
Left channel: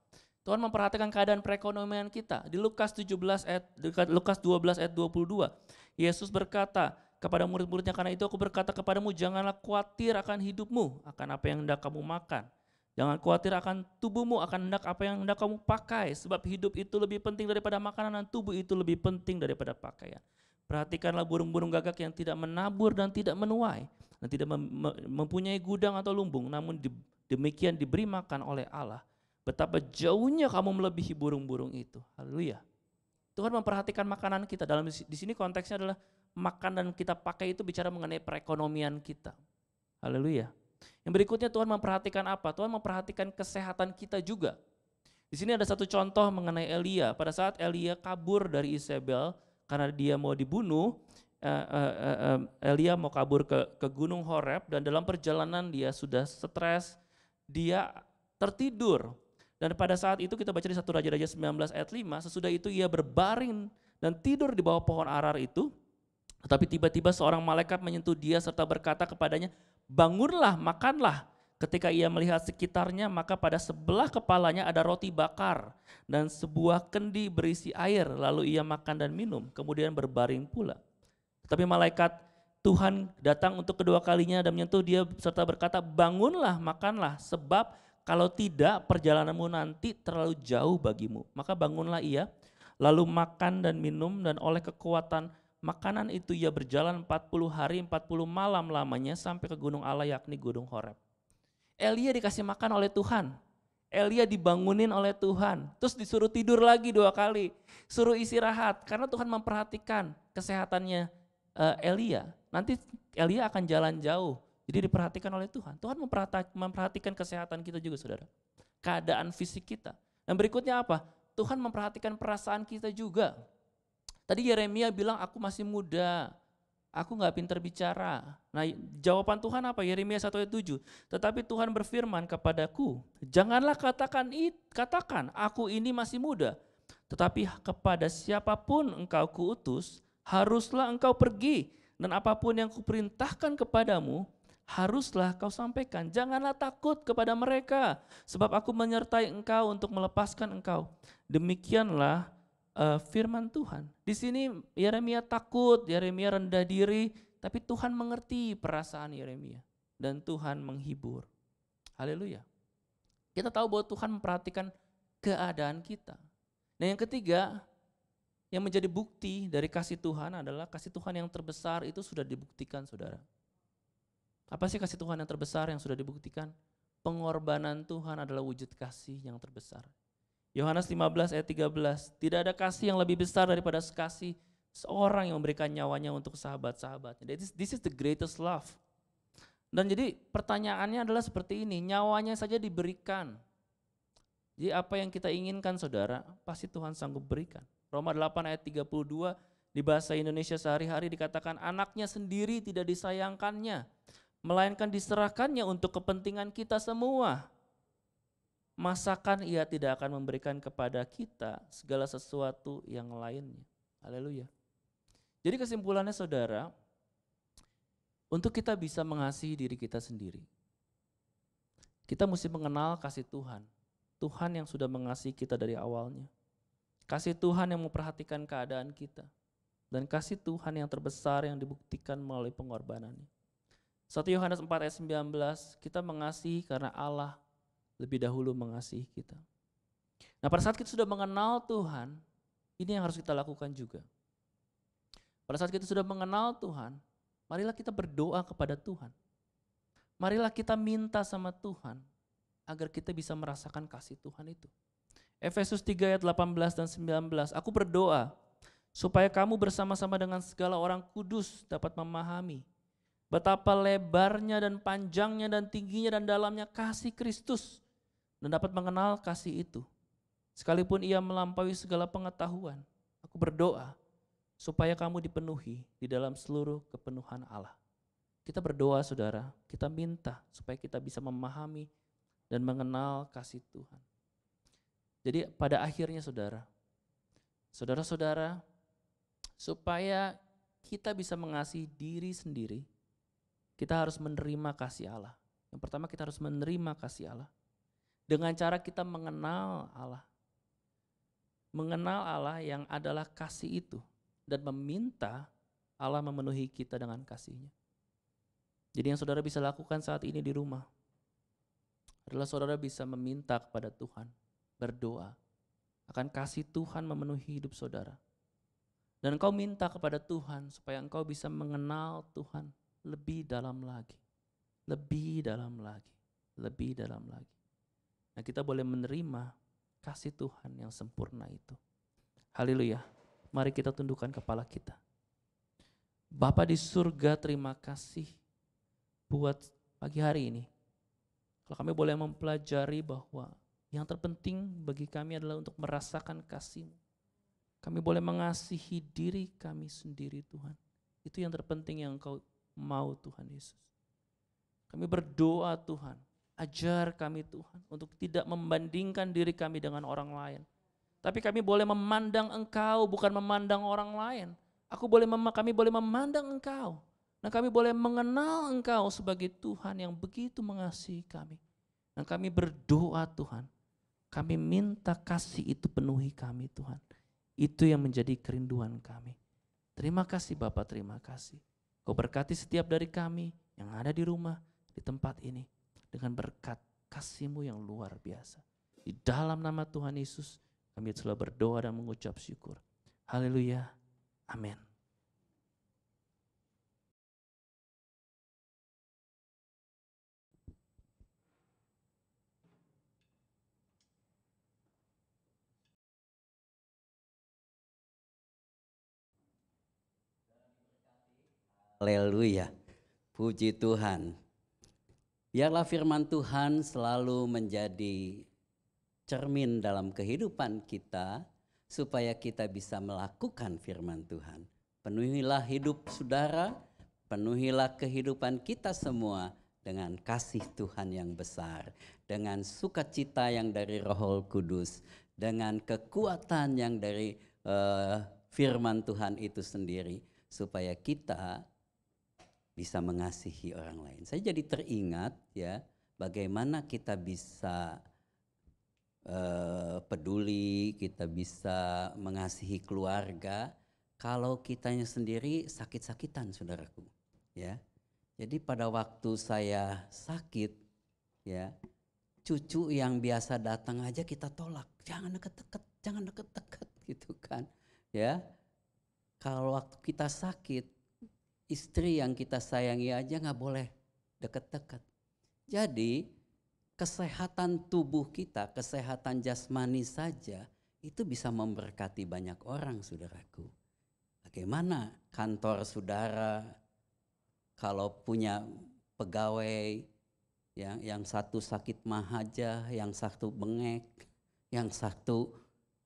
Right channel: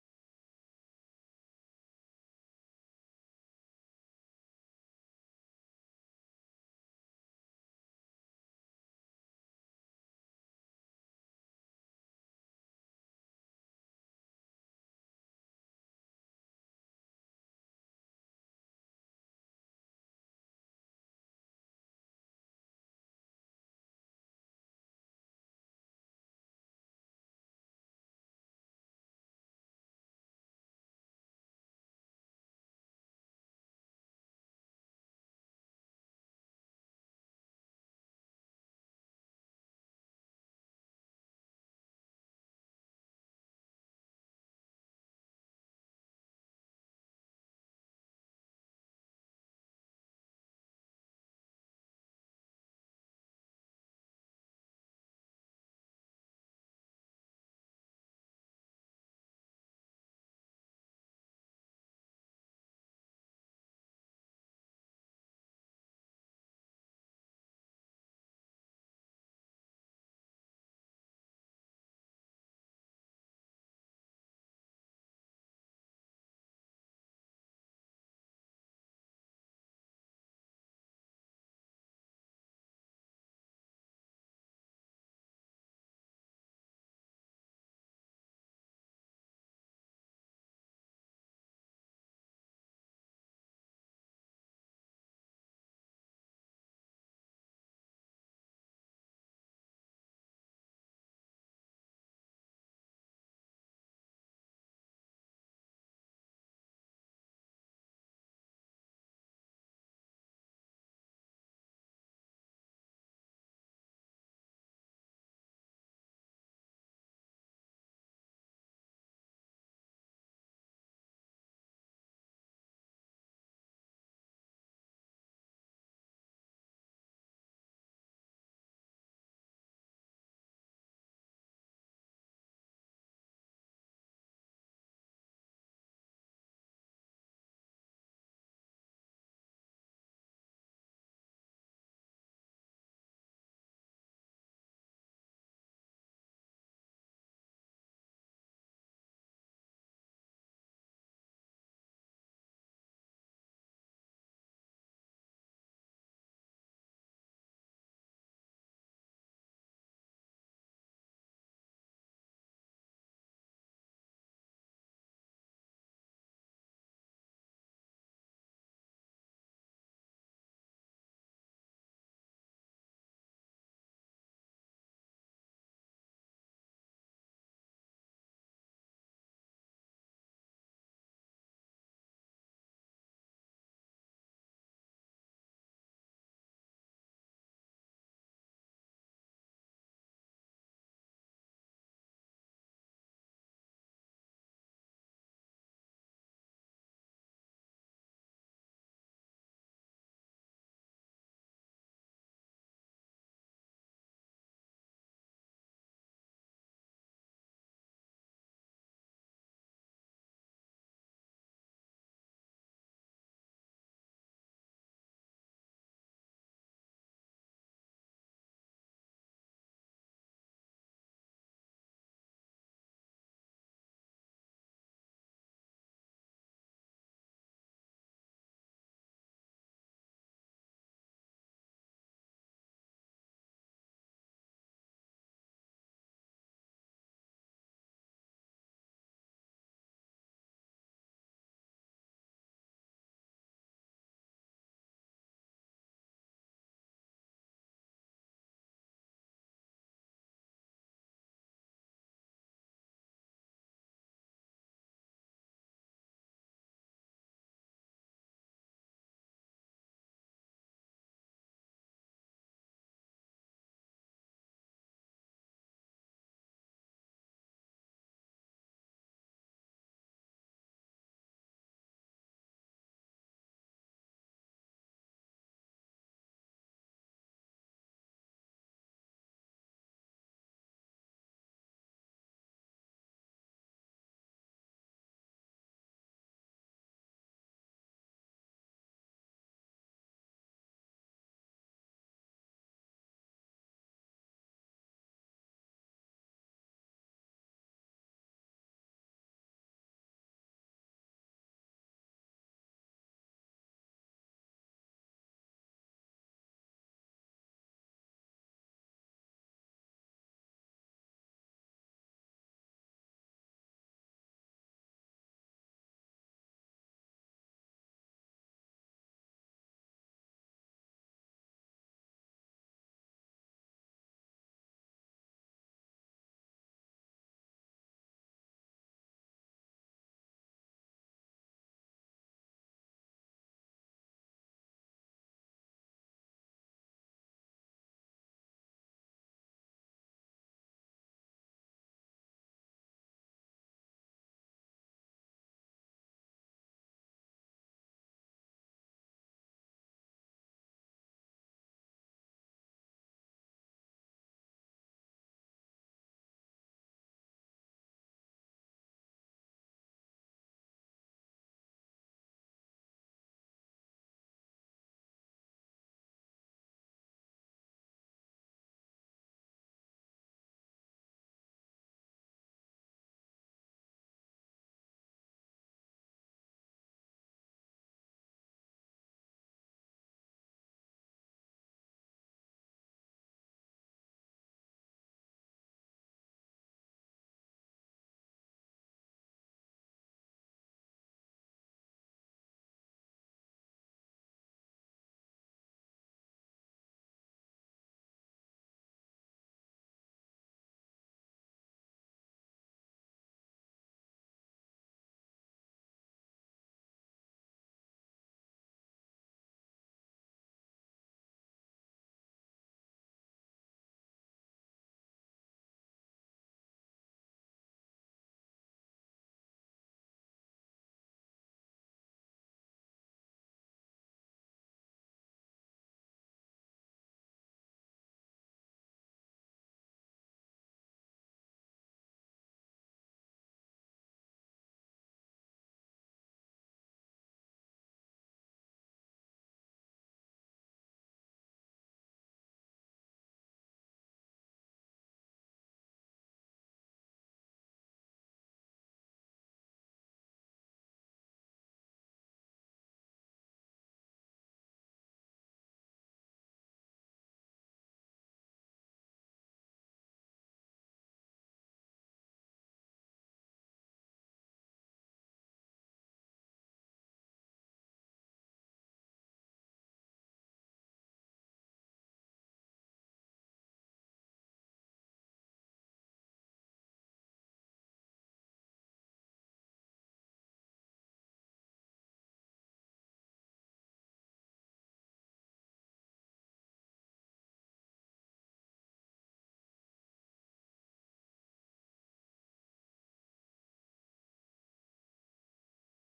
Tuhan memperhatikan keadaan perekonomian kita. Di Lukas 12 ayat 22, Yesus berkata kepada murid-muridnya, karena itu aku berkata kepadamu, janganlah khawatir akan hidupmu, akan apa yang hendak kamu makan. Jangan khawatir akan tubuhmu, akan hendak apa yang hendak kamu pakai. Sebab hidup itu lebih penting daripada makanan dan tubuh itu lebih penting daripada pakaian. Perhatikanlah burung-burung gagak yang tidak menabur dan tidak menuai. Dan tidak mempunyai gudang atau lumbung. Namun demikian diberi makan oleh Allah. Betapa jauhnya kamu melebihi burung-burung itu. Haleluya. Tuhan memperhatikan makanan kita. Di sini konteksnya adalah makan dan kita pakai itu bicara mengenai perekonomian kita. Haleluya. Yang berikutnya Tuhan memperhatikan apa? Tuhan memperhatikan kesehatan kita juga. Di sini ada satu contoh mengenai Elia. Pada saat Elia kabur dari Isabel karena dia mau dibunuh, Elia mau kabur ke Gunung Horeb dan dalam perjalanan dia sudah stres, dia tertidur. Dan pada saat itu kita baca di 1 Raja-Raja 19 ayat 5, sesudah itu ia berbaring dan tidur di bawah pohon arar itu. Tetapi tiba-tiba seorang malaikat menyentuh dia serta berkata kepadanya, bangunlah, makanlah. Ketika ia melihat sekitarnya, maka pada sebelah kepalanya ada roti bakar dan sebuah kendi berisi air. Lalu ia makan dan minum, kemudian berbaring pula. Tetapi malaikat Tuhan datang untuk kedua kalinya dan menyentuh dia serta berkata, bangunlah, makanlah, sebab Kalau tidak, perjalananmu nanti terlalu jauh bagimu. Maka bangunlah ia, lalu makan dan minum, dan oleh kekuatan makanan itu ia berjalan 40 hari 40 malam lamanya sampai ke gunung Allah, yakni gunung Horeb. Elia dikasih makan oleh Tuhan. Elia dibangunin oleh Tuhan. Terus disuruh tidur lagi 2 kali. Suruh istirahat karena Tuhan memperhatikan kesehatannya Elia. Nanti Elia akan jalan jauh. Jadi diperhatikan oleh Tuhan. Tuhan memperhatikan kesehatan kita juga, saudara. Keadaan fisik kita. Dan berikutnya apa? Tuhan memperhatikan perasaan kita juga. Tadi Yeremia bilang aku masih muda, aku gak pintar bicara. Nah jawaban Tuhan apa? Yeremia 1 ayat 7. Tetapi Tuhan berfirman kepadaku, janganlah katakan aku ini masih muda. Tetapi kepada siapapun engkau kuutus, haruslah engkau pergi. Dan apapun yang kuperintahkan kepadamu, haruslah kau sampaikan. Janganlah takut kepada mereka, sebab aku menyertai engkau untuk melepaskan engkau. Demikianlah firman Tuhan. Di sini Yeremia takut, Yeremia rendah diri, tapi Tuhan mengerti perasaan Yeremia dan Tuhan menghibur. Haleluya. Kita tahu bahwa Tuhan memperhatikan keadaan kita. Nah yang ketiga, yang menjadi bukti dari kasih Tuhan adalah kasih Tuhan yang terbesar itu sudah dibuktikan, saudara. Apa sih kasih Tuhan yang terbesar yang sudah dibuktikan? Pengorbanan Tuhan adalah wujud kasih yang terbesar. Yohanes 15 ayat 13, tidak ada kasih yang lebih besar daripada kasih seorang yang memberikan nyawanya untuk sahabat-sahabatnya. This is the greatest love. Dan jadi pertanyaannya adalah seperti ini, nyawanya saja diberikan. Jadi apa yang kita inginkan, saudara, pasti Tuhan sanggup berikan. Roma 8 ayat 32 di bahasa Indonesia sehari-hari dikatakan anaknya sendiri tidak disayangkannya, melainkan diserahkannya untuk kepentingan kita semua. Masakan ia tidak akan memberikan kepada kita segala sesuatu yang lainnya. Haleluya. Jadi kesimpulannya, saudara, untuk kita bisa mengasihi diri kita sendiri, kita mesti mengenal kasih Tuhan. Tuhan yang sudah mengasihi kita dari awalnya. Kasih Tuhan yang memperhatikan keadaan kita. Dan kasih Tuhan yang terbesar yang dibuktikan melalui pengorbanannya. 1 Yohanes 4 ayat 19, kita mengasihi karena Allah lebih dahulu mengasihi kita. Nah pada saat kita sudah mengenal Tuhan, ini yang harus kita lakukan juga. Pada saat kita sudah mengenal Tuhan, marilah kita berdoa kepada Tuhan. Marilah kita minta sama Tuhan agar kita bisa merasakan kasih Tuhan itu. Efesus 3 ayat 18 dan 19, aku berdoa supaya kamu bersama-sama dengan segala orang kudus dapat memahami betapa lebarnya dan panjangnya dan tingginya dan dalamnya kasih Kristus dan dapat mengenal kasih itu. Sekalipun ia melampaui segala pengetahuan, aku berdoa supaya kamu dipenuhi di dalam seluruh kepenuhan Allah. Kita berdoa, saudara, kita minta supaya kita bisa memahami dan mengenal kasih Tuhan. Jadi pada akhirnya, saudara-saudara, supaya kita bisa mengasihi diri sendiri, kita harus menerima kasih Allah. Yang pertama, kita harus menerima kasih Allah. Dengan cara kita mengenal Allah. Mengenal Allah yang adalah kasih itu. Dan meminta Allah memenuhi kita dengan kasih-Nya. Jadi yang saudara bisa lakukan saat ini di rumah adalah saudara bisa meminta kepada Tuhan, berdoa akan kasih Tuhan memenuhi hidup saudara. Dan engkau minta kepada Tuhan supaya engkau bisa mengenal Tuhan lebih dalam lagi. Lebih dalam lagi. Lebih dalam lagi. Nah kita boleh menerima kasih Tuhan yang sempurna itu. Haleluya. Mari kita tundukkan kepala kita. Bapa di surga, terima kasih buat pagi hari ini. Kalau kami boleh mempelajari bahwa yang terpenting bagi kami adalah untuk merasakan kasih-Mu. Kami boleh mengasihi diri kami sendiri, Tuhan. Itu yang terpenting yang Engkau mau, Tuhan Yesus. Kami berdoa, Tuhan. Ajar kami, Tuhan, untuk tidak membandingkan diri kami dengan orang lain. Tapi kami boleh memandang Engkau, bukan memandang orang lain. Kami boleh memandang Engkau. Dan kami boleh mengenal Engkau sebagai Tuhan yang begitu mengasihi kami. Dan kami berdoa, Tuhan. Kami minta kasih itu penuhi kami, Tuhan. Itu yang menjadi kerinduan kami. Terima kasih Bapak, terima kasih. Kau berkati setiap dari kami yang ada di rumah, di tempat ini. Dengan berkat kasih-Mu yang luar biasa. Di dalam nama Tuhan Yesus kami selalu berdoa dan mengucap syukur. Haleluya. Amin. Haleluya, puji Tuhan. Biarlah firman Tuhan selalu menjadi cermin dalam kehidupan kita, supaya kita bisa melakukan firman Tuhan. Penuhilah hidup saudara, penuhilah kehidupan kita semua dengan kasih Tuhan yang besar, dengan sukacita yang dari Roh Kudus, dengan kekuatan yang dari firman Tuhan itu sendiri, supaya kita bisa mengasihi orang lain. Saya jadi teringat ya, bagaimana kita bisa peduli, kita bisa mengasihi keluarga kalau kitanya sendiri sakit-sakitan, saudaraku. Ya, jadi pada waktu saya sakit, ya, cucu yang biasa datang aja kita tolak, jangan deket-deket, jangan deket-deket, gitu kan? Ya, kalau waktu kita sakit, istri yang kita sayangi aja nggak boleh deket-deket. Jadi kesehatan tubuh kita, kesehatan jasmani saja itu bisa memberkati banyak orang, saudaraku. Bagaimana kantor saudara kalau punya pegawai yang satu sakit mah aja, yang satu bengek, yang satu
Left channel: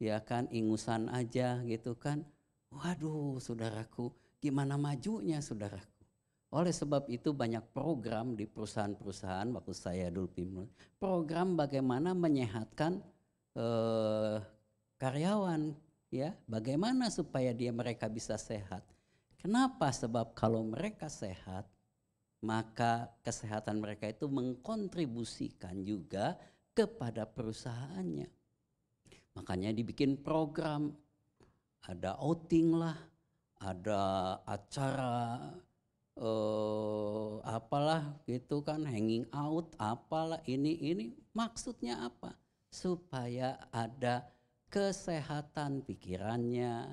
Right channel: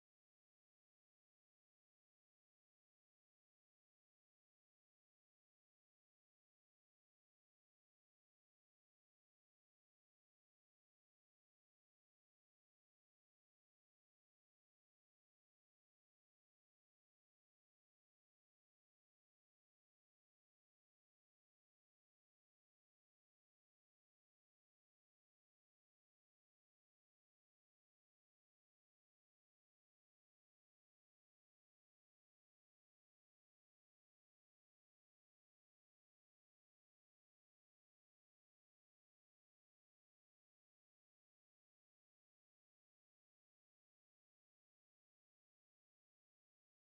ya kan ingusan aja gitu kan. Waduh, saudaraku, gimana majunya, saudaraku? Oleh sebab itu banyak program di perusahaan-perusahaan waktu saya dulu pimpin, program bagaimana menyehatkan karyawan, ya, bagaimana supaya mereka bisa sehat. Kenapa? Sebab kalau mereka sehat, maka kesehatan mereka itu mengkontribusikan juga kepada perusahaannya. Makanya dibikin program, ada outing lah, ada acara apalah gitu kan, hanging out, apalah ini maksudnya apa? Supaya ada kesehatan pikirannya,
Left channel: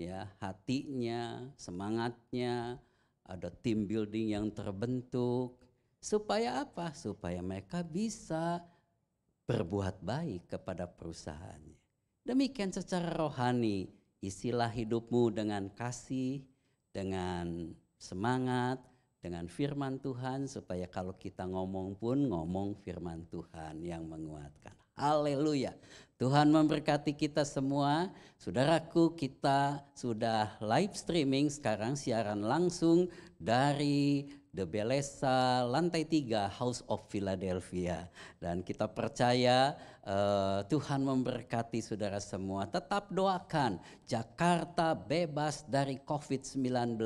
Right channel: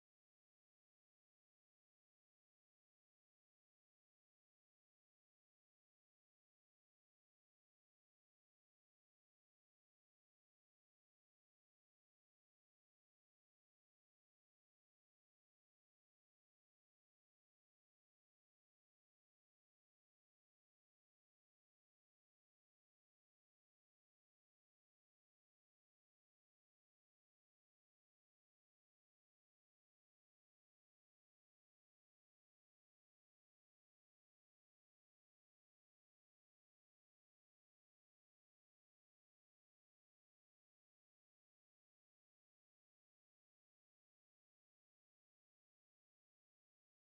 ya, hatinya, semangatnya, ada team building yang terbentuk. Supaya apa? Supaya mereka bisa berbuat baik kepada perusahaannya. Demikian secara rohani, isilah hidupmu dengan kasih, dengan semangat, dengan firman Tuhan, supaya kalau kita ngomong pun ngomong firman Tuhan yang menguatkan. Haleluya. Tuhan memberkati kita semua. Saudaraku, kita sudah live streaming sekarang, siaran langsung dari The Belesa lantai 3 House of Philadelphia. Dan kita percaya Tuhan memberkati saudara semua. Tetap doakan Jakarta bebas dari COVID-19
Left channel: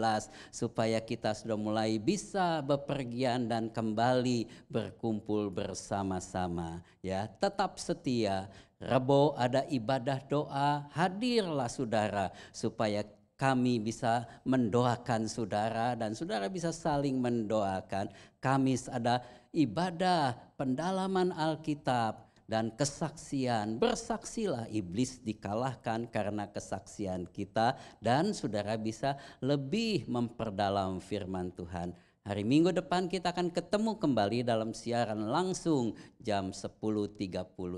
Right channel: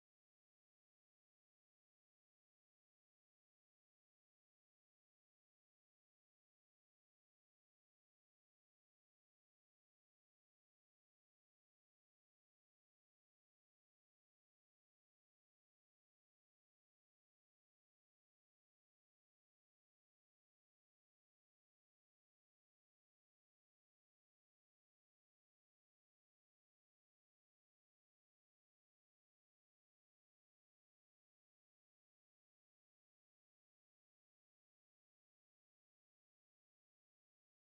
supaya kita sudah mulai bisa bepergian dan kembali berkumpul bersama-sama. Ya, tetap setia. Rebo ada ibadah doa, hadirlah saudara supaya kami bisa mendoakan saudara dan saudara bisa saling mendoakan. Kamis ada ibadah pendalaman Alkitab dan kesaksian. Bersaksilah, iblis dikalahkan karena kesaksian kita dan saudara bisa lebih memperdalam firman Tuhan. Hari Minggu depan kita akan ketemu kembali dalam siaran langsung jam 10.30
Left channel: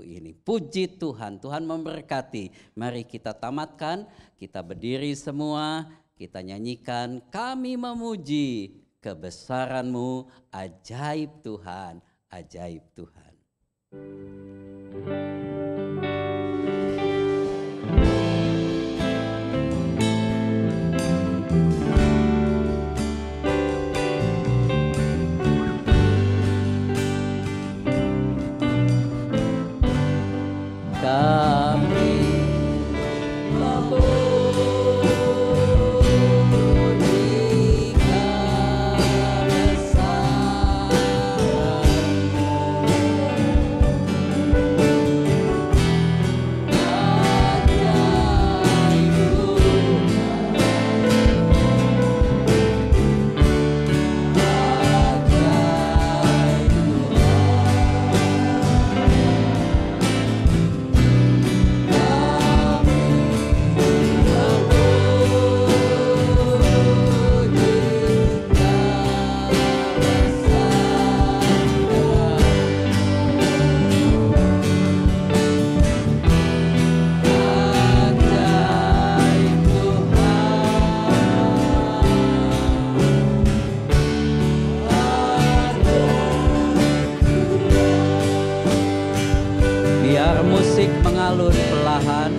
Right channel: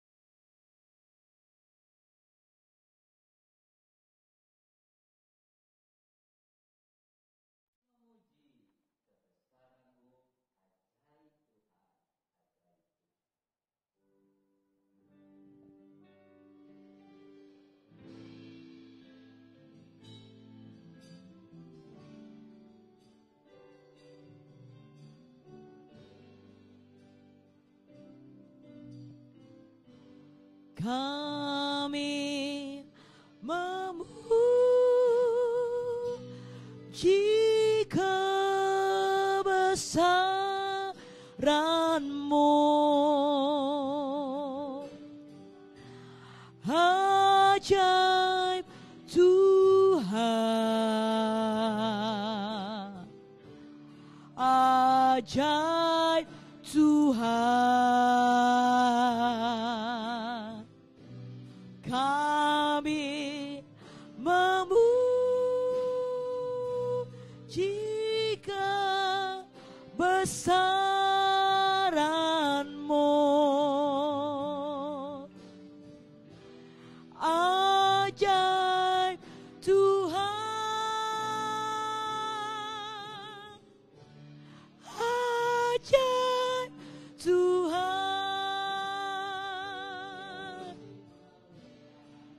ini. Puji Tuhan, Tuhan memberkati. Mari kita tamatkan, kita berdiri semua, kita nyanyikan, kami memuji kebesaran-Mu, ajaib Tuhan, ajaib Tuhan. Kebesaran-Mu mengalun perlahan.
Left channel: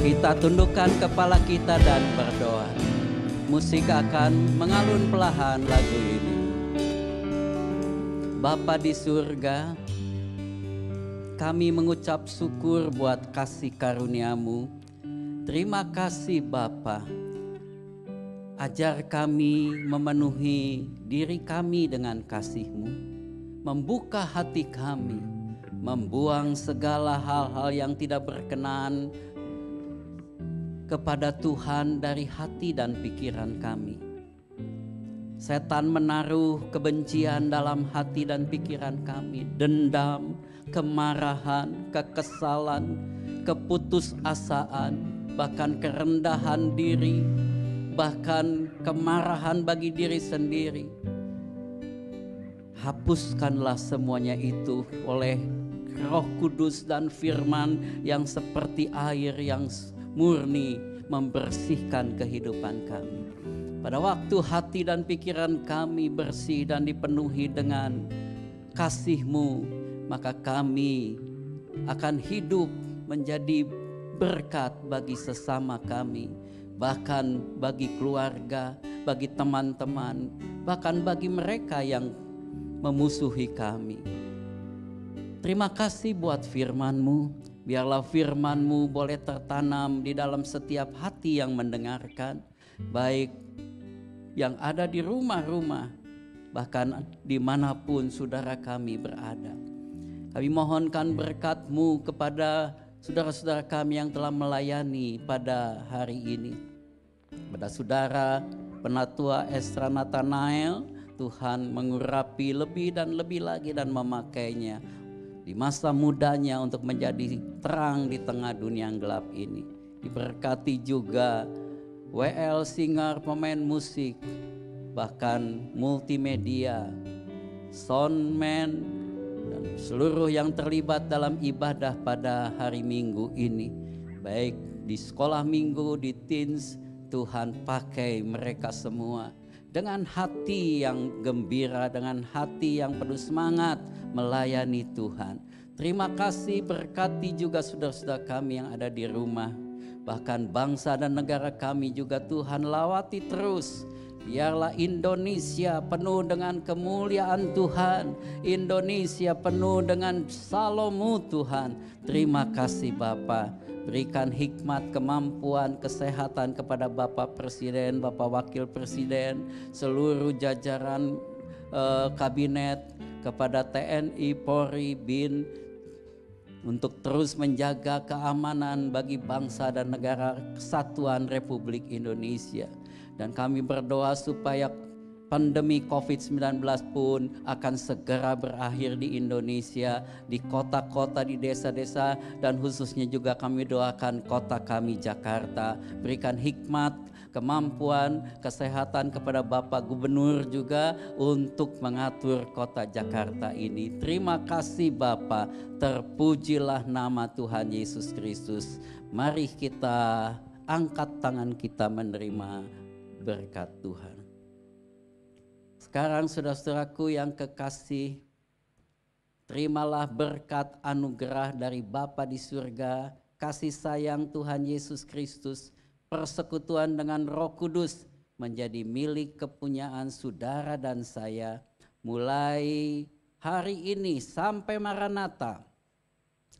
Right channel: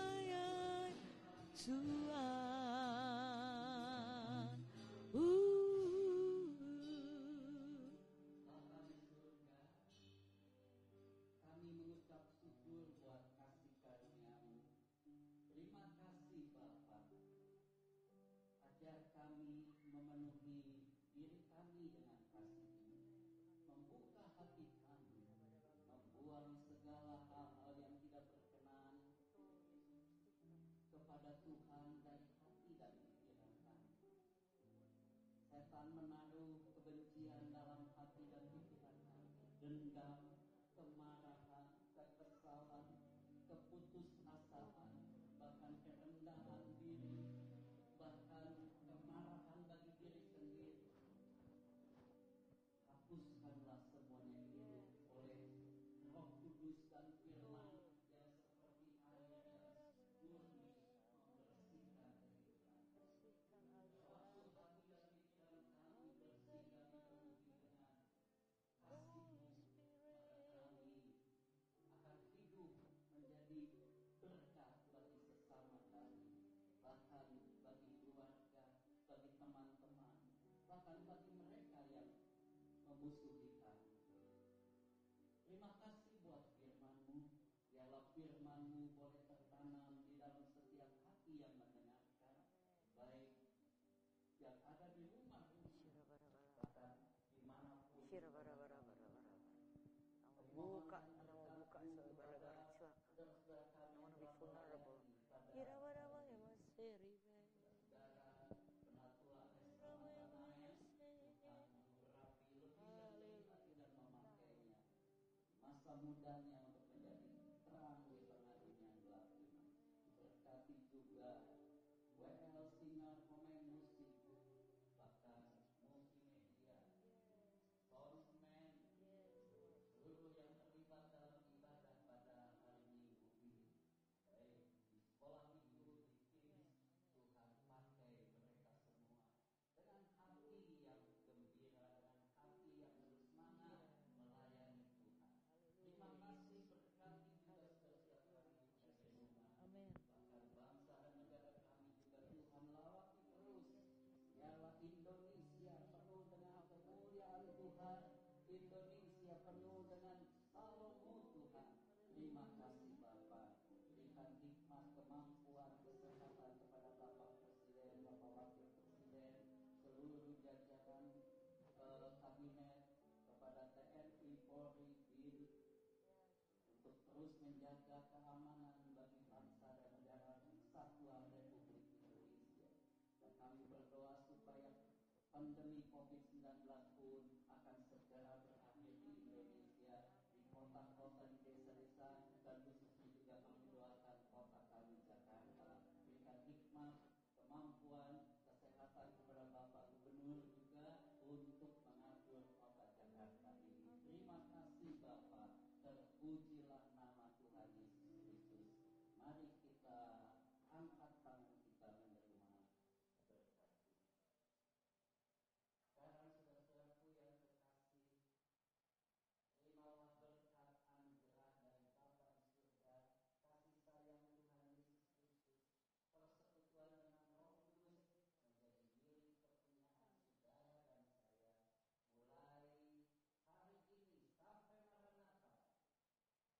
Kita tundukkan kepala kita dan berdoa. Musik akan mengalun perlahan lagu ini. Bapa di surga, kami mengucap syukur buat kasih karunia-Mu. Terima kasih Bapa. Ajar kami memenuhi diri kami dengan kasih-Mu. Membuka hati kami. Membuang segala hal-hal yang tidak berkenan kepada Tuhan dari hati dan pikiran kami. Setan menaruh kebencian dalam hati dan pikiran kami, dendam, kemarahan, kekesalan, keputusasaan, bahkan kerendahan diri, bahkan kemarahan bagi diri sendiri. Hapuskanlah semuanya itu oleh Roh Kudus dan firman yang seperti air yang murni membersihkan kehidupan kami. Pada waktu hati dan pikiran kami bersih dan dipenuhi dengan kasih-Mu, maka kami akan hidup menjadi berkat bagi sesama kami, bahkan bagi keluarga, bagi teman-teman, bahkan bagi mereka yang memusuhi kami. Terima kasih buat firman-Mu. Biarlah firman-Mu boleh tertanam di dalam setiap hati yang mendengarkan, baik yang ada di rumah-rumah, bahkan dimanapun saudara kami berada. Kami mohonkan berkat-Mu kepada saudara-saudara kami yang telah melayani pada hari ini. Pada saudara Penatua Esra Nathanael, Tuhan mengurapi lebih dan lebih lagi dan memakainya di masa mudanya untuk menjadi terang di tengah dunia yang gelap ini. Diberkati juga WL Singer, pemain musik, bahkan multimedia, soundman, dan seluruh yang terlibat dalam ibadah pada hari Minggu ini. Baik di sekolah minggu, di teens, Tuhan pakai mereka semua dengan hati yang gembira, dengan hati yang penuh semangat melayani Tuhan. Terima kasih, berkati juga saudara-saudara kami yang ada di rumah. Bahkan bangsa dan negara kami juga Tuhan lawati terus. Biarlah Indonesia penuh dengan kemuliaan Tuhan. Indonesia penuh dengan shalom-Mu Tuhan. Terima kasih Bapa. Berikan hikmat, kemampuan, kesehatan kepada Bapak Presiden, Bapak Wakil Presiden, seluruh jajaran kabinet, kepada TNI, Polri, BIN, untuk terus menjaga keamanan bagi bangsa dan negara kesatuan Republik Indonesia. Dan kami berdoa supaya pandemi COVID-19 pun akan segera berakhir di Indonesia, di kota-kota, di desa-desa, dan khususnya juga kami doakan kota kami Jakarta. Berikan hikmat, kemampuan, kesehatan kepada Bapak Gubernur juga untuk mengatur kota Jakarta ini. Terima kasih Bapak, terpujilah nama Tuhan Yesus Kristus. Mari kita angkat tangan kita menerima berkat Tuhan. Sekarang saudara-saudaraku yang kekasih, terimalah berkat anugerah dari Bapa di surga, kasih sayang Tuhan Yesus Kristus, persekutuan dengan Roh Kudus menjadi milik kepunyaan saudara dan saya mulai hari ini sampai Maranatha,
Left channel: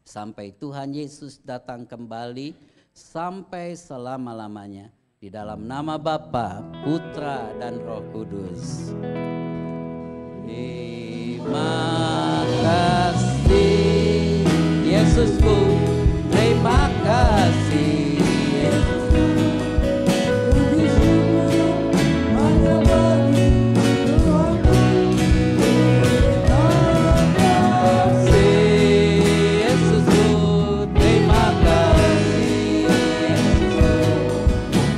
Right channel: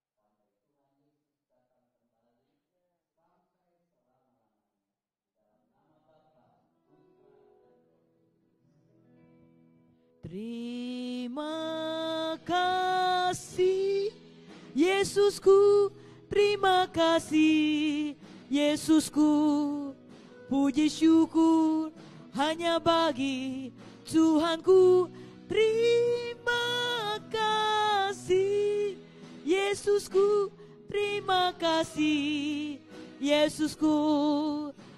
sampai Tuhan Yesus datang kembali, sampai selama-lamanya. Di dalam nama Bapa, Putra dan Roh Kudus. Terima kasih Yesusku, terima kasih Yesusku, puji syukur hanya bagi Tuhanku. Terima kasih Yesusku, terima kasih Yesusku,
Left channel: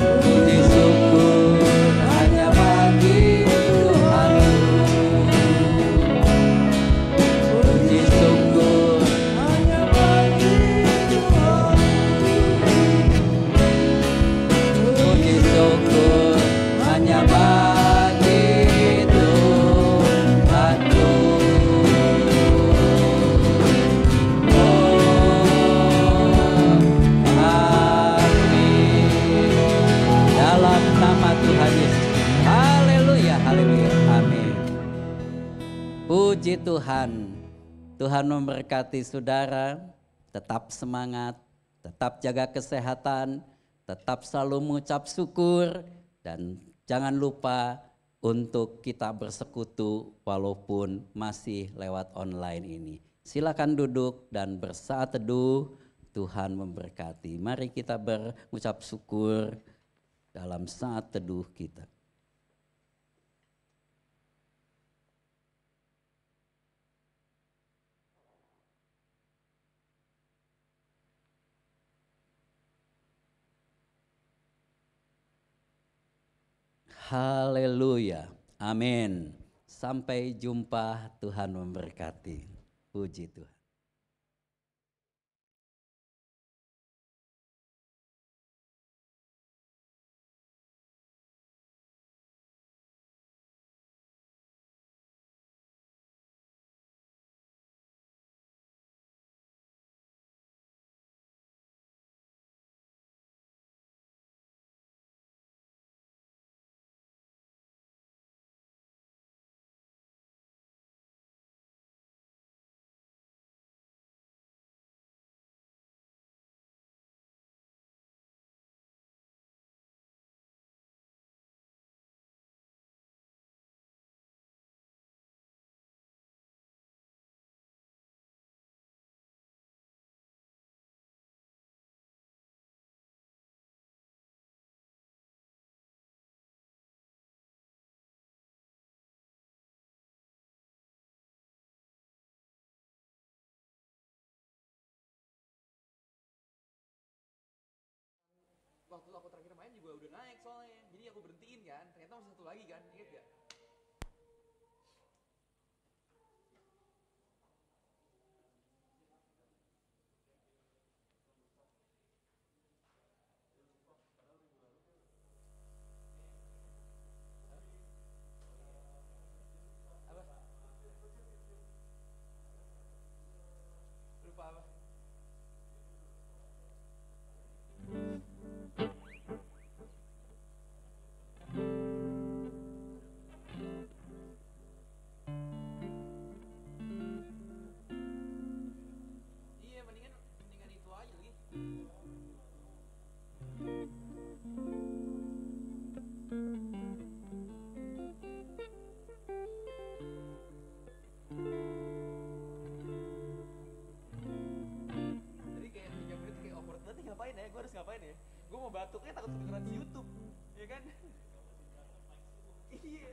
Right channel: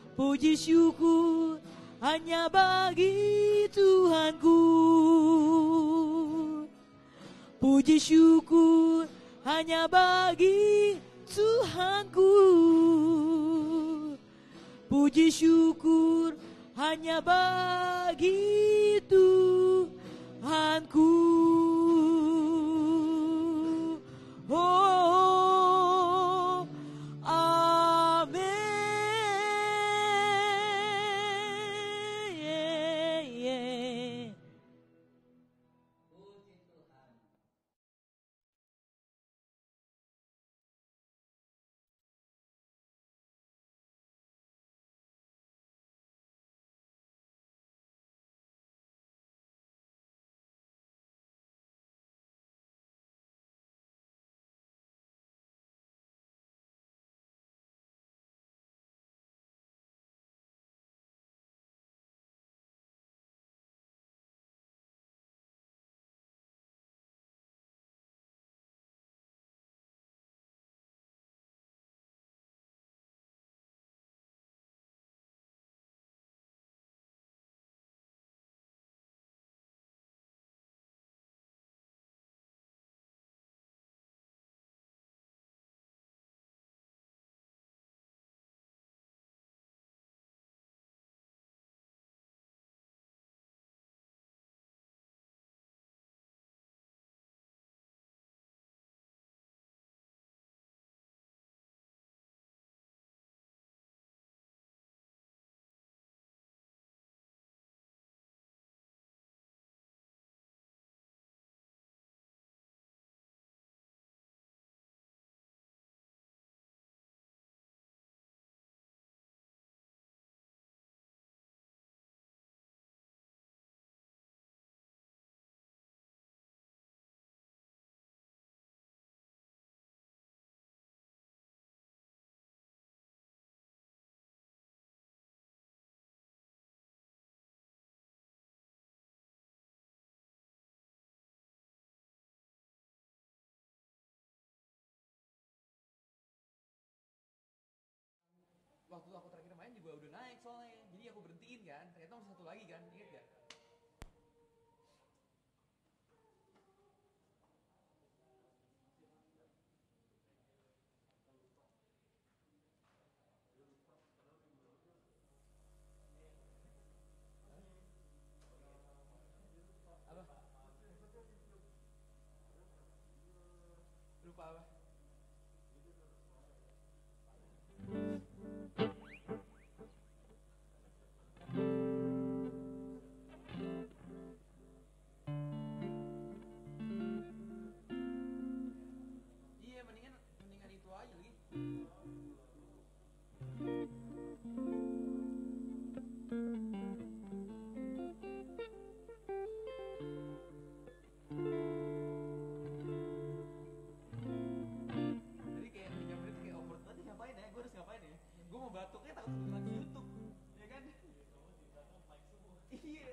puji syukur hanya bagi Tuhanku. Puji Puji Tuhan. Tuhan memberkati saudara, tetap semangat, tetap jaga kesehatan, tetap selalu mengucap syukur, dan jangan lupa untuk kita bersekutu walaupun masih lewat online ini. Silakan duduk dan bersaat teduh. Tuhan memberkati. Mari kita berucap syukur dalam saat teduh kita. Haleluya. Amin. Sampai jumpa, Tuhan memberkati. Puji Tuhan. Waktu aku terakhir main juga udah naik soalnya, jadi aku berhentiin kan, ternyata masih satu lagi kan, inget gak? Lupa apa? Iya, mendingan itu aja Li. Tadi kayak nyamperin kayak awkward banget, ngapain ya? Gue harus ngapain ya? Gue mau batuknya takut kedengeran di YouTube, ya kan? Iya.